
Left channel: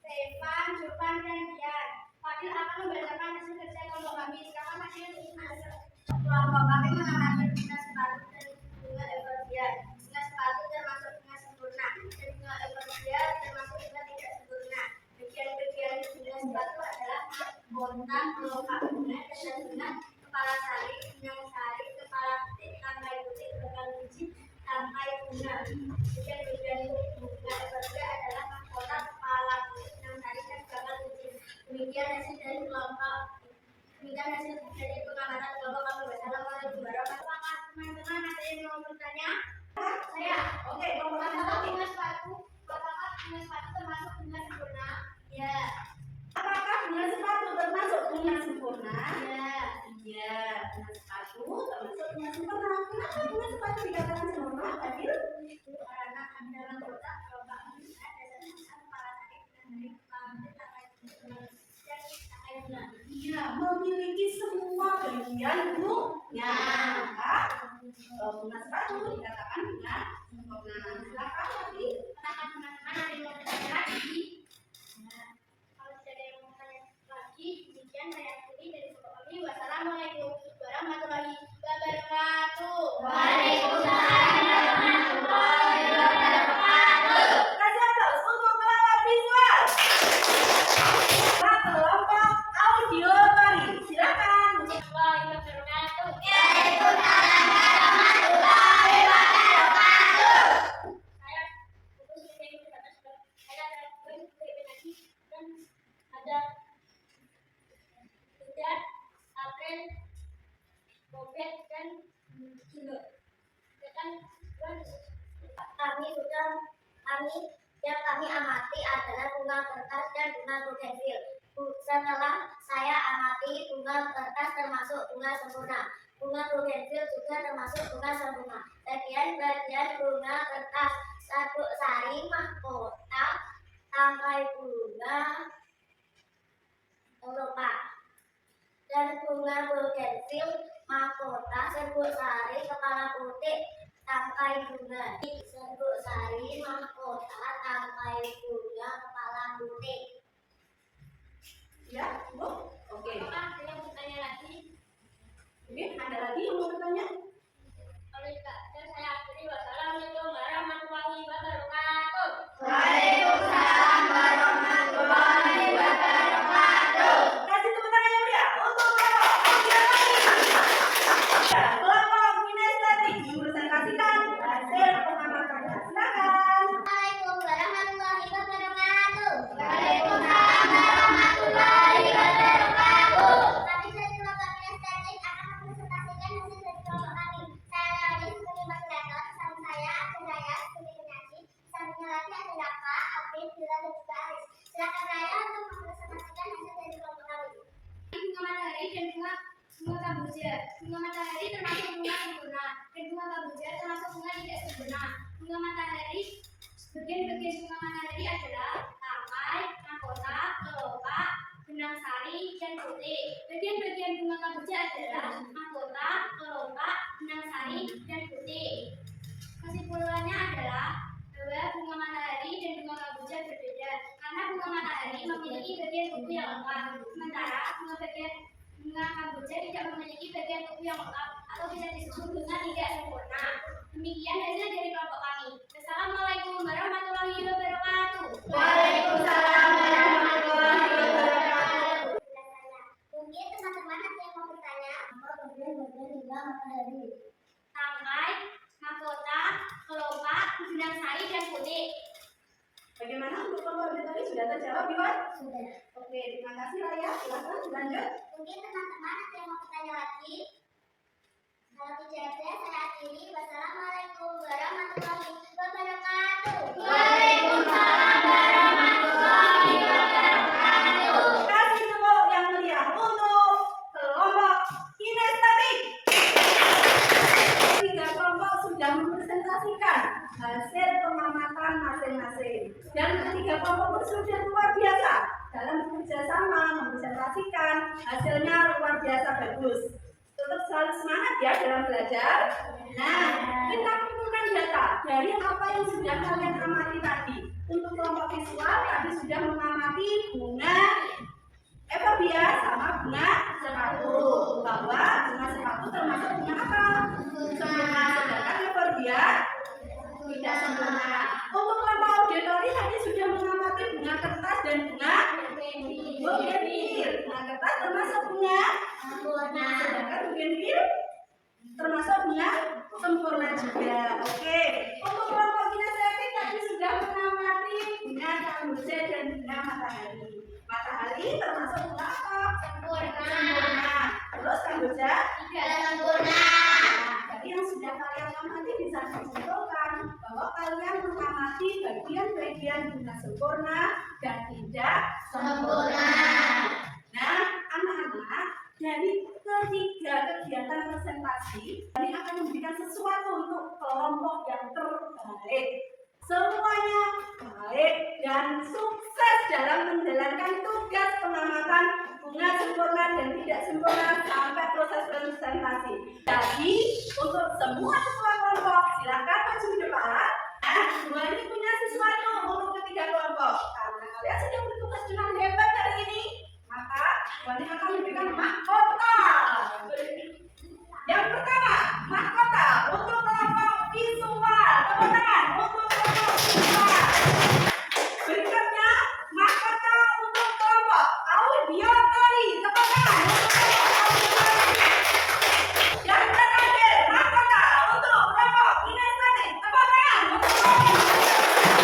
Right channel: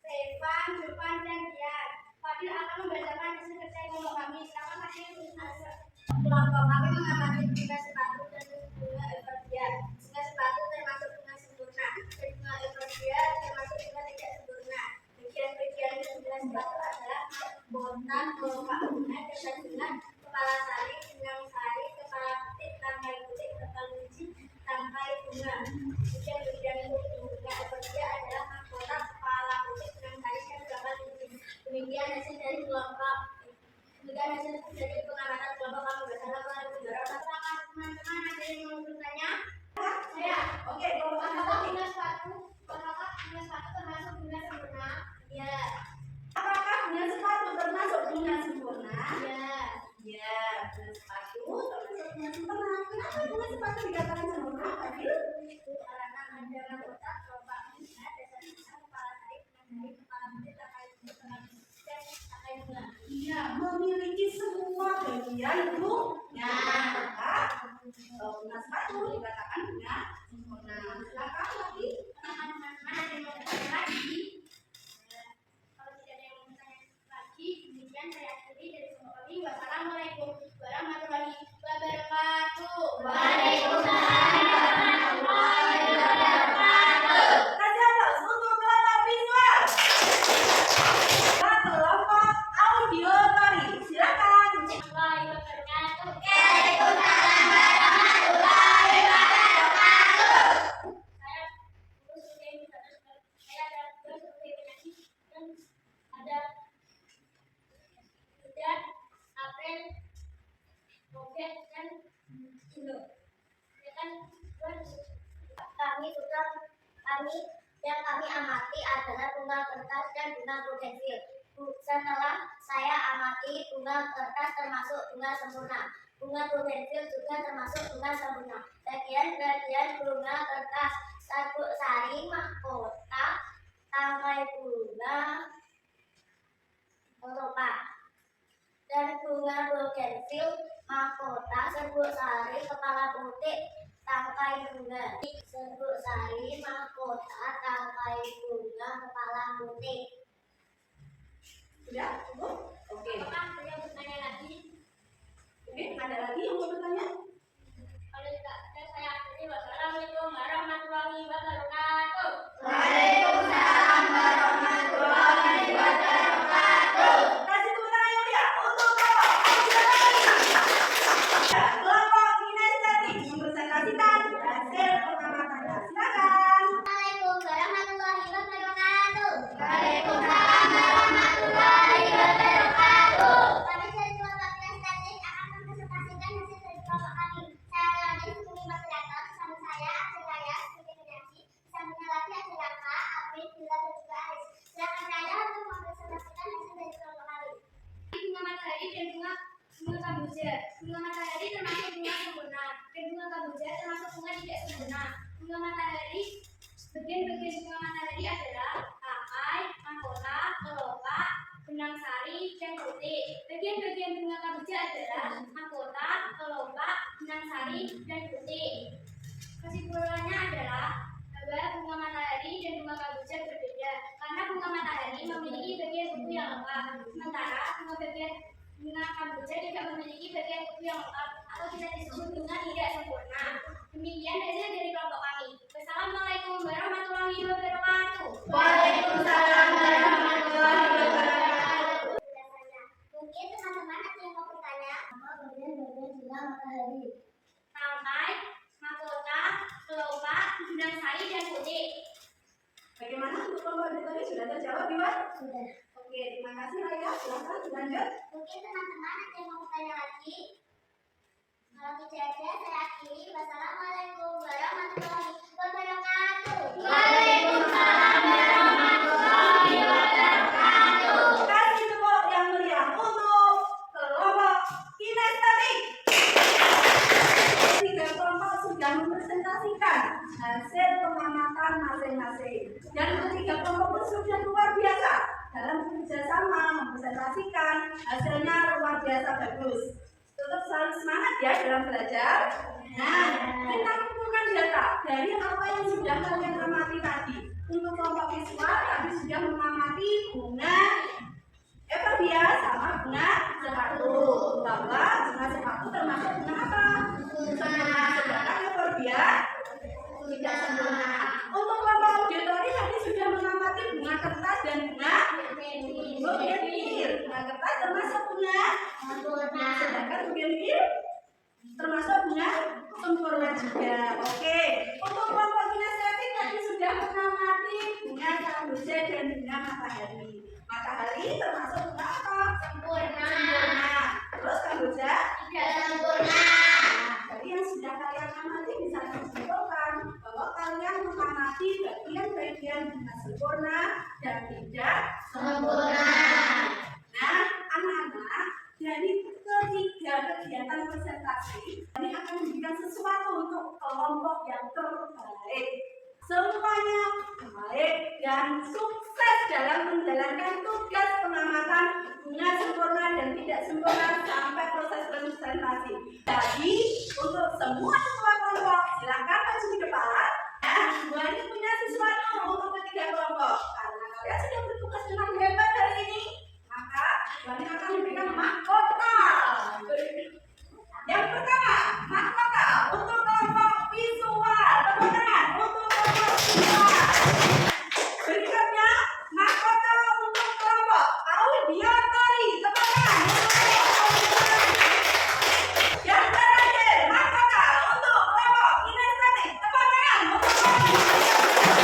Stefan, Jovan, dan Dian. Fadil akan membacakan hasil kerja kelompok kami. Silakan Fadil untuk hasil. Kelompok kami mengamati bunga sepatu dan bunga euforbia. Bunga sepatu termasuk bunga sempurna, dan bunga euforbia termasuk bunga tidak sempurna. Bagian-bagian bunga sepatu adalah bontang, kelopak bunga, dasar bunga, kepala sari, benang sari, kepala putih, tangkai putih, bakal biji, tangkai bunga. Bagian-bagian bunga euforbia adalah mahkota, kepala putih, benang sari, dan bakal biji. Demikian hasil dari kelompok. Demikian hasil dari pengamatan kelompok kami. Wassalamualaikum warahmatullahi wabarakatuh. Teman-teman, ada yang mau bertanya? Saya. Oke, kelompok Apakah bunga sepatu? Apakah bunga sepatu termasuk bunga sempurna? Ya. apakah bunga sepatu termasuk bunga sempurna? Ya. Iya, bunga sepatu termasuk bunga sempurna. Kenapa bunga sepatu dikatakan sempurna, Fadil? Karena ada mahkota, kelopak bunga, dasar bunga, kepala tarik, benang tarik, kepala putih, tangkai putih, benang biji, dan tangkai bunga. Iya, memiliki semua bagian bunga. Maka bunga sepatu dikatakan bunga sempurna. Silakan lagi. Teman-teman, ada yang mau bertanya lagi? Ya. Kalau tidak ada yang mau bertanya lagi, demikian saya akhiri dari kelompok kami. Wassalamualaikum warahmatullahi wabarakatuh. Kasih aplaus untuk kelompok visual. Kelompok audio tadi. Silakan. Warahmatullahi wabarakatuh. Saya Putri Sri saya ada sebagai penyanyi dan ada Hujan, April, Robert, dan Jilo. Ya kan, yang kami amati adalah bunga kertas dan bunga bugenvil. Setelah saya amati mengamati bunga kertas termasuk bunga sempurna. Bunga bugenvil juga termasuk bunga sempurna. Bagian-bagian bunga kertas: sabuk sari, mahkota, tangkai bunga, kelopak. Dan bunga bugenvil, mahkota, serbuk sari, kepala putih, tangkai bunga. Serbuk sari, mahkota, tangkai bunga, kepala putih. Sudah cukup? Oke. Apakah ada yang bertanya lagi? Oke, ada lagi yang mau bertanya? Oleh dan saya akhiri. Wassalamualaikum warahmatullahi wabarakatuh. Waalaikumsalam warahmatullahi wabarakatuh. Kasih tepuk tangan yang meriah untuk kelompok observasi. Ya, kelompok kinestetik mempresentasikan hasil pengamatannya. Silakan. Assalamualaikum warahmatullahi wabarakatuh. Waalaikumsalam warahmatullahi wabarakatuh. Kami dari kelompok kinestetik akan mempresentasikan hasil dari kelompok kami. Saya Leonis, sebagai moderator. Bersama saya ada Raya sebagai penyaji. Sampingnya lagi ada Raka, Alvin, Bila, dan juga Aris. Silakan Raya untuk mempresentasikan hasil dari kelompok kami. Bunga matahari dan bunga kamboja. Bunga matahari termasuk bunga sempurna, dan bunga kamboja termasuk bunga tidak sempurna. Bunga matahari, bagian-bagian bunga matahari adalah tangkai, mahkota, kelopak, benang sari, dan putih. Bagian-bagian bunga kamboja adalah mahkota, kelopak, benang sari, dan putih. Kesimpulannya adalah bahwa bunga matahari dan bunga kamboja berbeda karena bunga matahari memiliki bagian kuku yang lengkap, sementara bunga kamboja tidak memiliki bagian kuku yang lengkap atau tidak disebut bunga tidak sempurna. Demikian hasil dari kelompok kami. Wassalamualaikum warahmatullahi wabarakatuh. Waalaikumsalam warahmatullahi wabarakatuh. Mungkin teman-teman ada yang mau bertanya? Apa bagian-bagian bunga matahari? Tangkai, mahkota, kelopak, benang sari, dan putih. Bagaimana untuk kelompok tadi sudah terjawab, Iwan? Sudah. Oke, terima kasih Raya. Silakan lanjut. Mungkin teman-teman ada yang mau bertanya lagi? Kalau tidak ada, saya akhiri. Wassalamualaikum warahmatullahi wabarakatuh. Waalaikumsalam warahmatullahi wabarakatuh. Kasih tepuk yang meriah untuk kelompok kinestetik. Tiga kelompok sudah mempresentasikan hasil pengamatan masing-masing. Dan ketiga kelompok pun sudah luar biasa dalam bekerja sama mempresentasikan hasilnya luar biasa bagus. Tetap selalu semangat ya dalam belajar. Nah, kita kumpulkan data dari apa yang sudah kalian amati tadi. Untuk kelompok visual tadi sudah mengamati bunga Evobia sama bunga sepatu. Bahwa bunga sepatu termasuk bunga apa? Sempurna. Sedangkan Evobia tidak sempurna. Untuk kelompok auditori tadi sudah mengamati bunga kertas dan bunga bugenvil. Bunga kertas termasuk bunga Sempurna. sedangkan bugenvil termasuk bunga sempurna juga. Oke. Untuk kelompok kinestetik tadi sudah mengamati bunga kamboja dan bunga matahari. Matahari termasuk bunga apa? Sempurna. Terus kamboja Tidak sempurna. Nah, dari yang sudah kalian amati bisa disimpulkan bahwa kalian mengamati bagian-bagian bunga sempurna dan tidak Sempurna. Nah, anak-anak, dari ketiga kegiatan presentasi, ini akan memberikan sesuatu untuk kelompok yang terbaik. Semuanya baik dan sukses dalam menjalankan tugas pengamatan bunga sempurna dan tidak sempurna sampai proses presentasi. Jadi, untuk semua ketua kelompok, silakan maju ke depan. Nah, dua ini punya sesuatu untuk ketiga kelompok. Karena kalian sudah bertugas dengan hebat hari ini, maka Wani akan memberikan mahkota. Yang pertama, mahkota untuk kelompok visual. Tepuk tangan untuk kelompok visual. Berikutnya, mahkota untuk kelompok audiotori. Tepuk tangan untuk kelompok audiotori. Yang terakhir, mahkota untuk kelompok kinestetik. Tepuk tangan untuk kelompok kinestetik.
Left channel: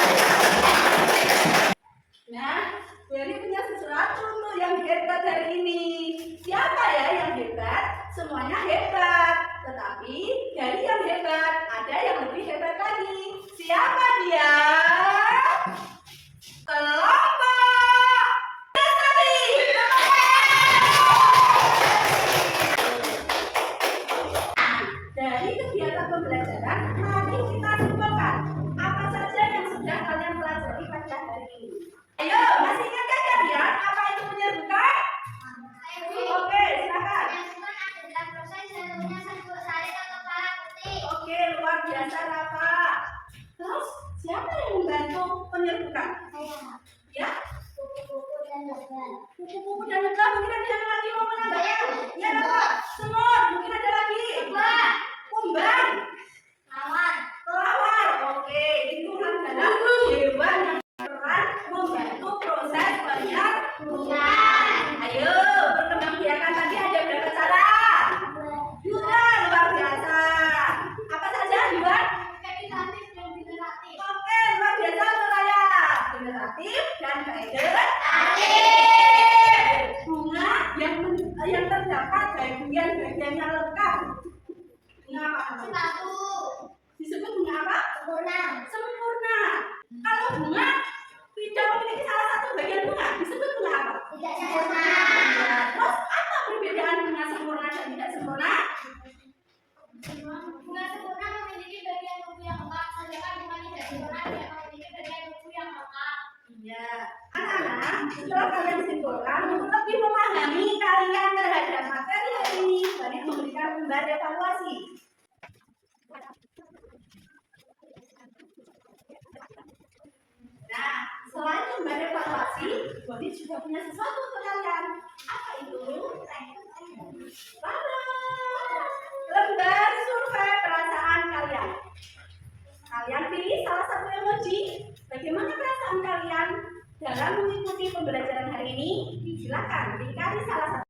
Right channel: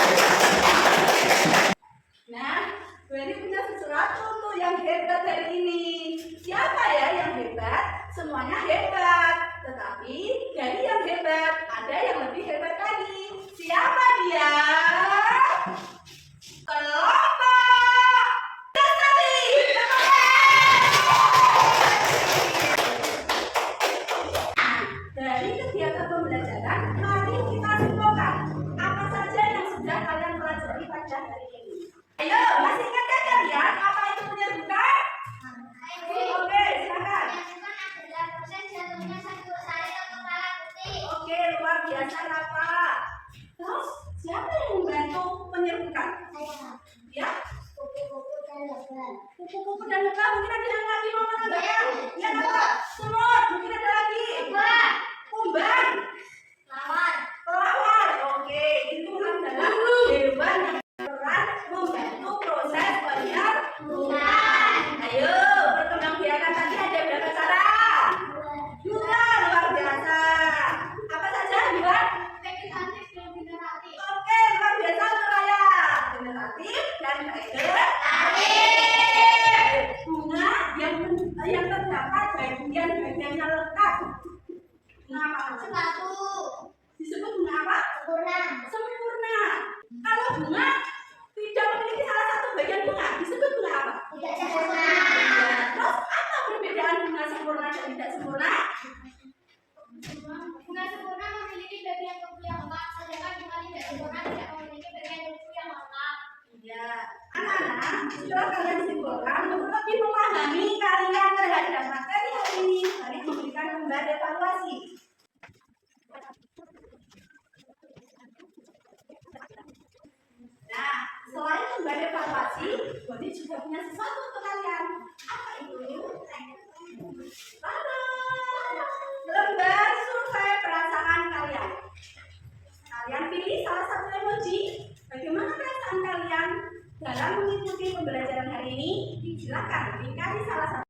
Nah, Beri punya sesuatu untuk yang hebat hari ini. Siapa ya yang hebat? Semuanya hebat. Tetapi Oke, silakan. Yang bukan adalah proses jatuhnya satu sari ke kepala putih. Oke, luar biasa Rafa. Terus siapa yang membantu penyerbukan? Saya. Ya, Kupu-kupu dan lebah. kupu-kupu dan lebah. Mungkin ada yang lagi mau menambahkan? Ya, Rafa. Semut. Mungkin ada lagi. Lebah. Kumbang. Lawan. Kelawar. Oke, itu adalah hewan yang berperan membantu proses penyerbukan. Ayo, perkembangbiakan tadi ada berapa cara? Dua, luar biasa. Apa saja, Yuan? Vegetatif dan generatif. Oke, luar biasa untuk saya. Generatif dan vegetatif. Bunga yang terdapat bagian-bagiannya lengkap. Bunga apa? Sepatu. Disebut bunga apa? Sempurna. Sempurna. Kalau bunga tidak memiliki salah satu bagian bunga, disebut bunga apa? Tidak sempurna. Terus apa perbedaan bunga sempurna dan tidak sempurna? Bunga sempurna memiliki bagian tubuh yang lengkap, sedangkan bunga tidak sempurna tidak memiliki bagian tubuh yang lengkap. Iya. Anak-anak, setelah kalian simpulkan, untuk lebih memahami kalian terhadap materi hari ini, banyak memberikan lembar evaluasi. Nah, selain lembar evaluasi, Bodi juga punya sesuatu untuk kalian. Apa itu? Tada! Lembar survei perasaan kalian. Kalian pilih salah satu emoji. Bagaimana perasaan kalian dalam mengikuti pembelajaran hari ini? Silakan dikasih salah satu.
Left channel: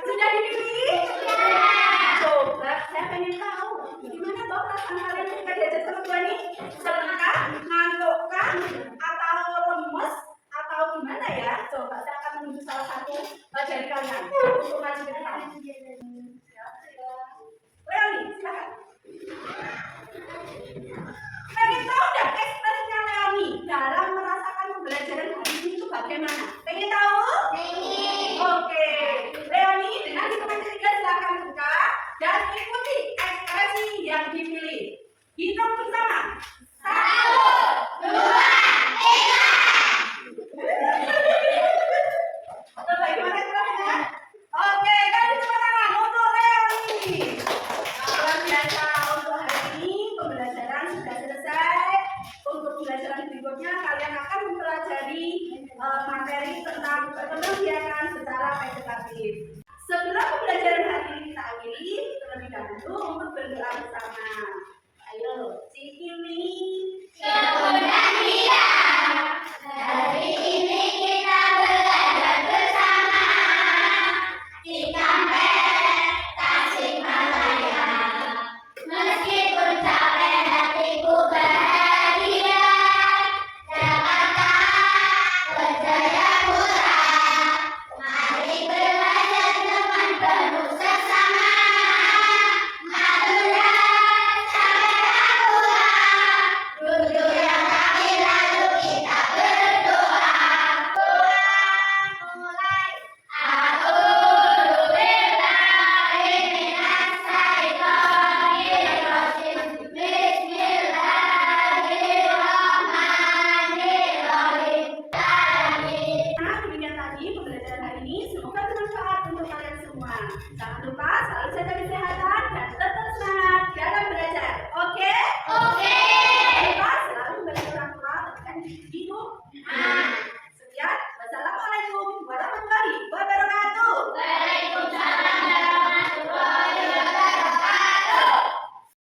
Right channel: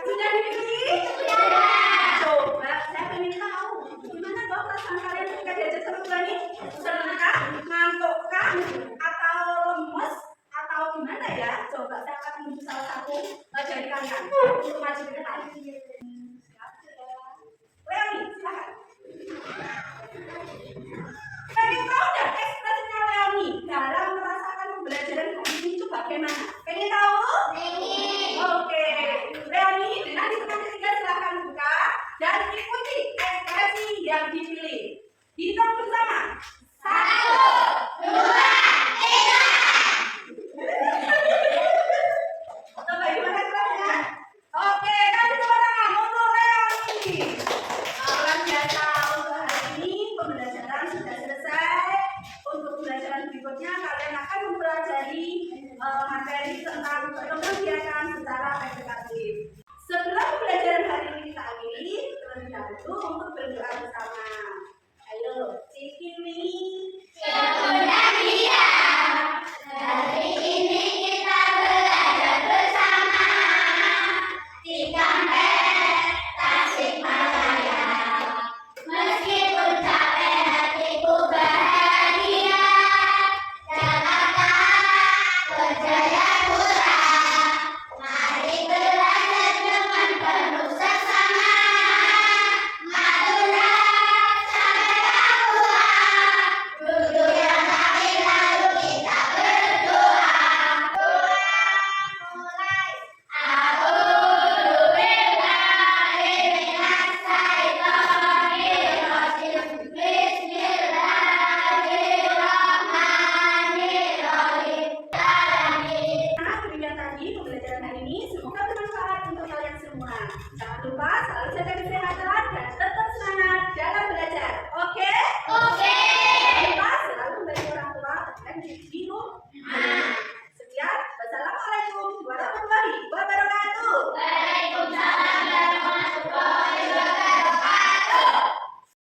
Sudah dipilih? Coba, saya pengen tahu gimana toh perasaan kalian ketika diajak sama Bu Ani? Senang kah? Ngantuk kah? Atau lemes? Atau gimana ya? Coba saya akan menuju salah satu dari kalian untuk maju ke depan. Leoni, silakan. Pengen tahu nggak ekspresinya Leoni dalam merasakan pembelajaran hari ini itu bagaimana? Pengen tahu? Oke, Leoni dengan hitungan ketiga silakan buka dan ikuti ekspresi yang dipilih. Hitung bersama. 1, 2, 3. Atau bagaimana ekspresinya? Oke, kasih tepuk tangan untuk Leoni. Luar biasa untuk hari ini pembelajaran sudah selesai. Untuk pembelajaran berikutnya kalian akan mempelajari materi tentang perkembangbiakan secara vegetatif. Sebelum pembelajaran hari ini kita akhiri, terlebih dahulu untuk berdoa bersama. Ayo, cikini. Hari ini kita belajar bersama di Kampek Tasikmalaya. Meskipun capek hatiku bahagia, Jakarta berjaya pura. Mari belajar dengan penuh seksama. Madura sampai Papua. Duduk yang kaki lalu kita berdoa. Doa mulai. A'udzu billahi minas syaitonir rajim. Bismillahirrahmanirrahim. Nah, demikian tadi pembelajaran hari ini. Semoga bermanfaat untuk kalian semua. Jangan lupa selalu jaga kesehatan dan tetap semangat dalam belajar. Oke? Oke. Jangan lupa selalu membantu orang tua tekan di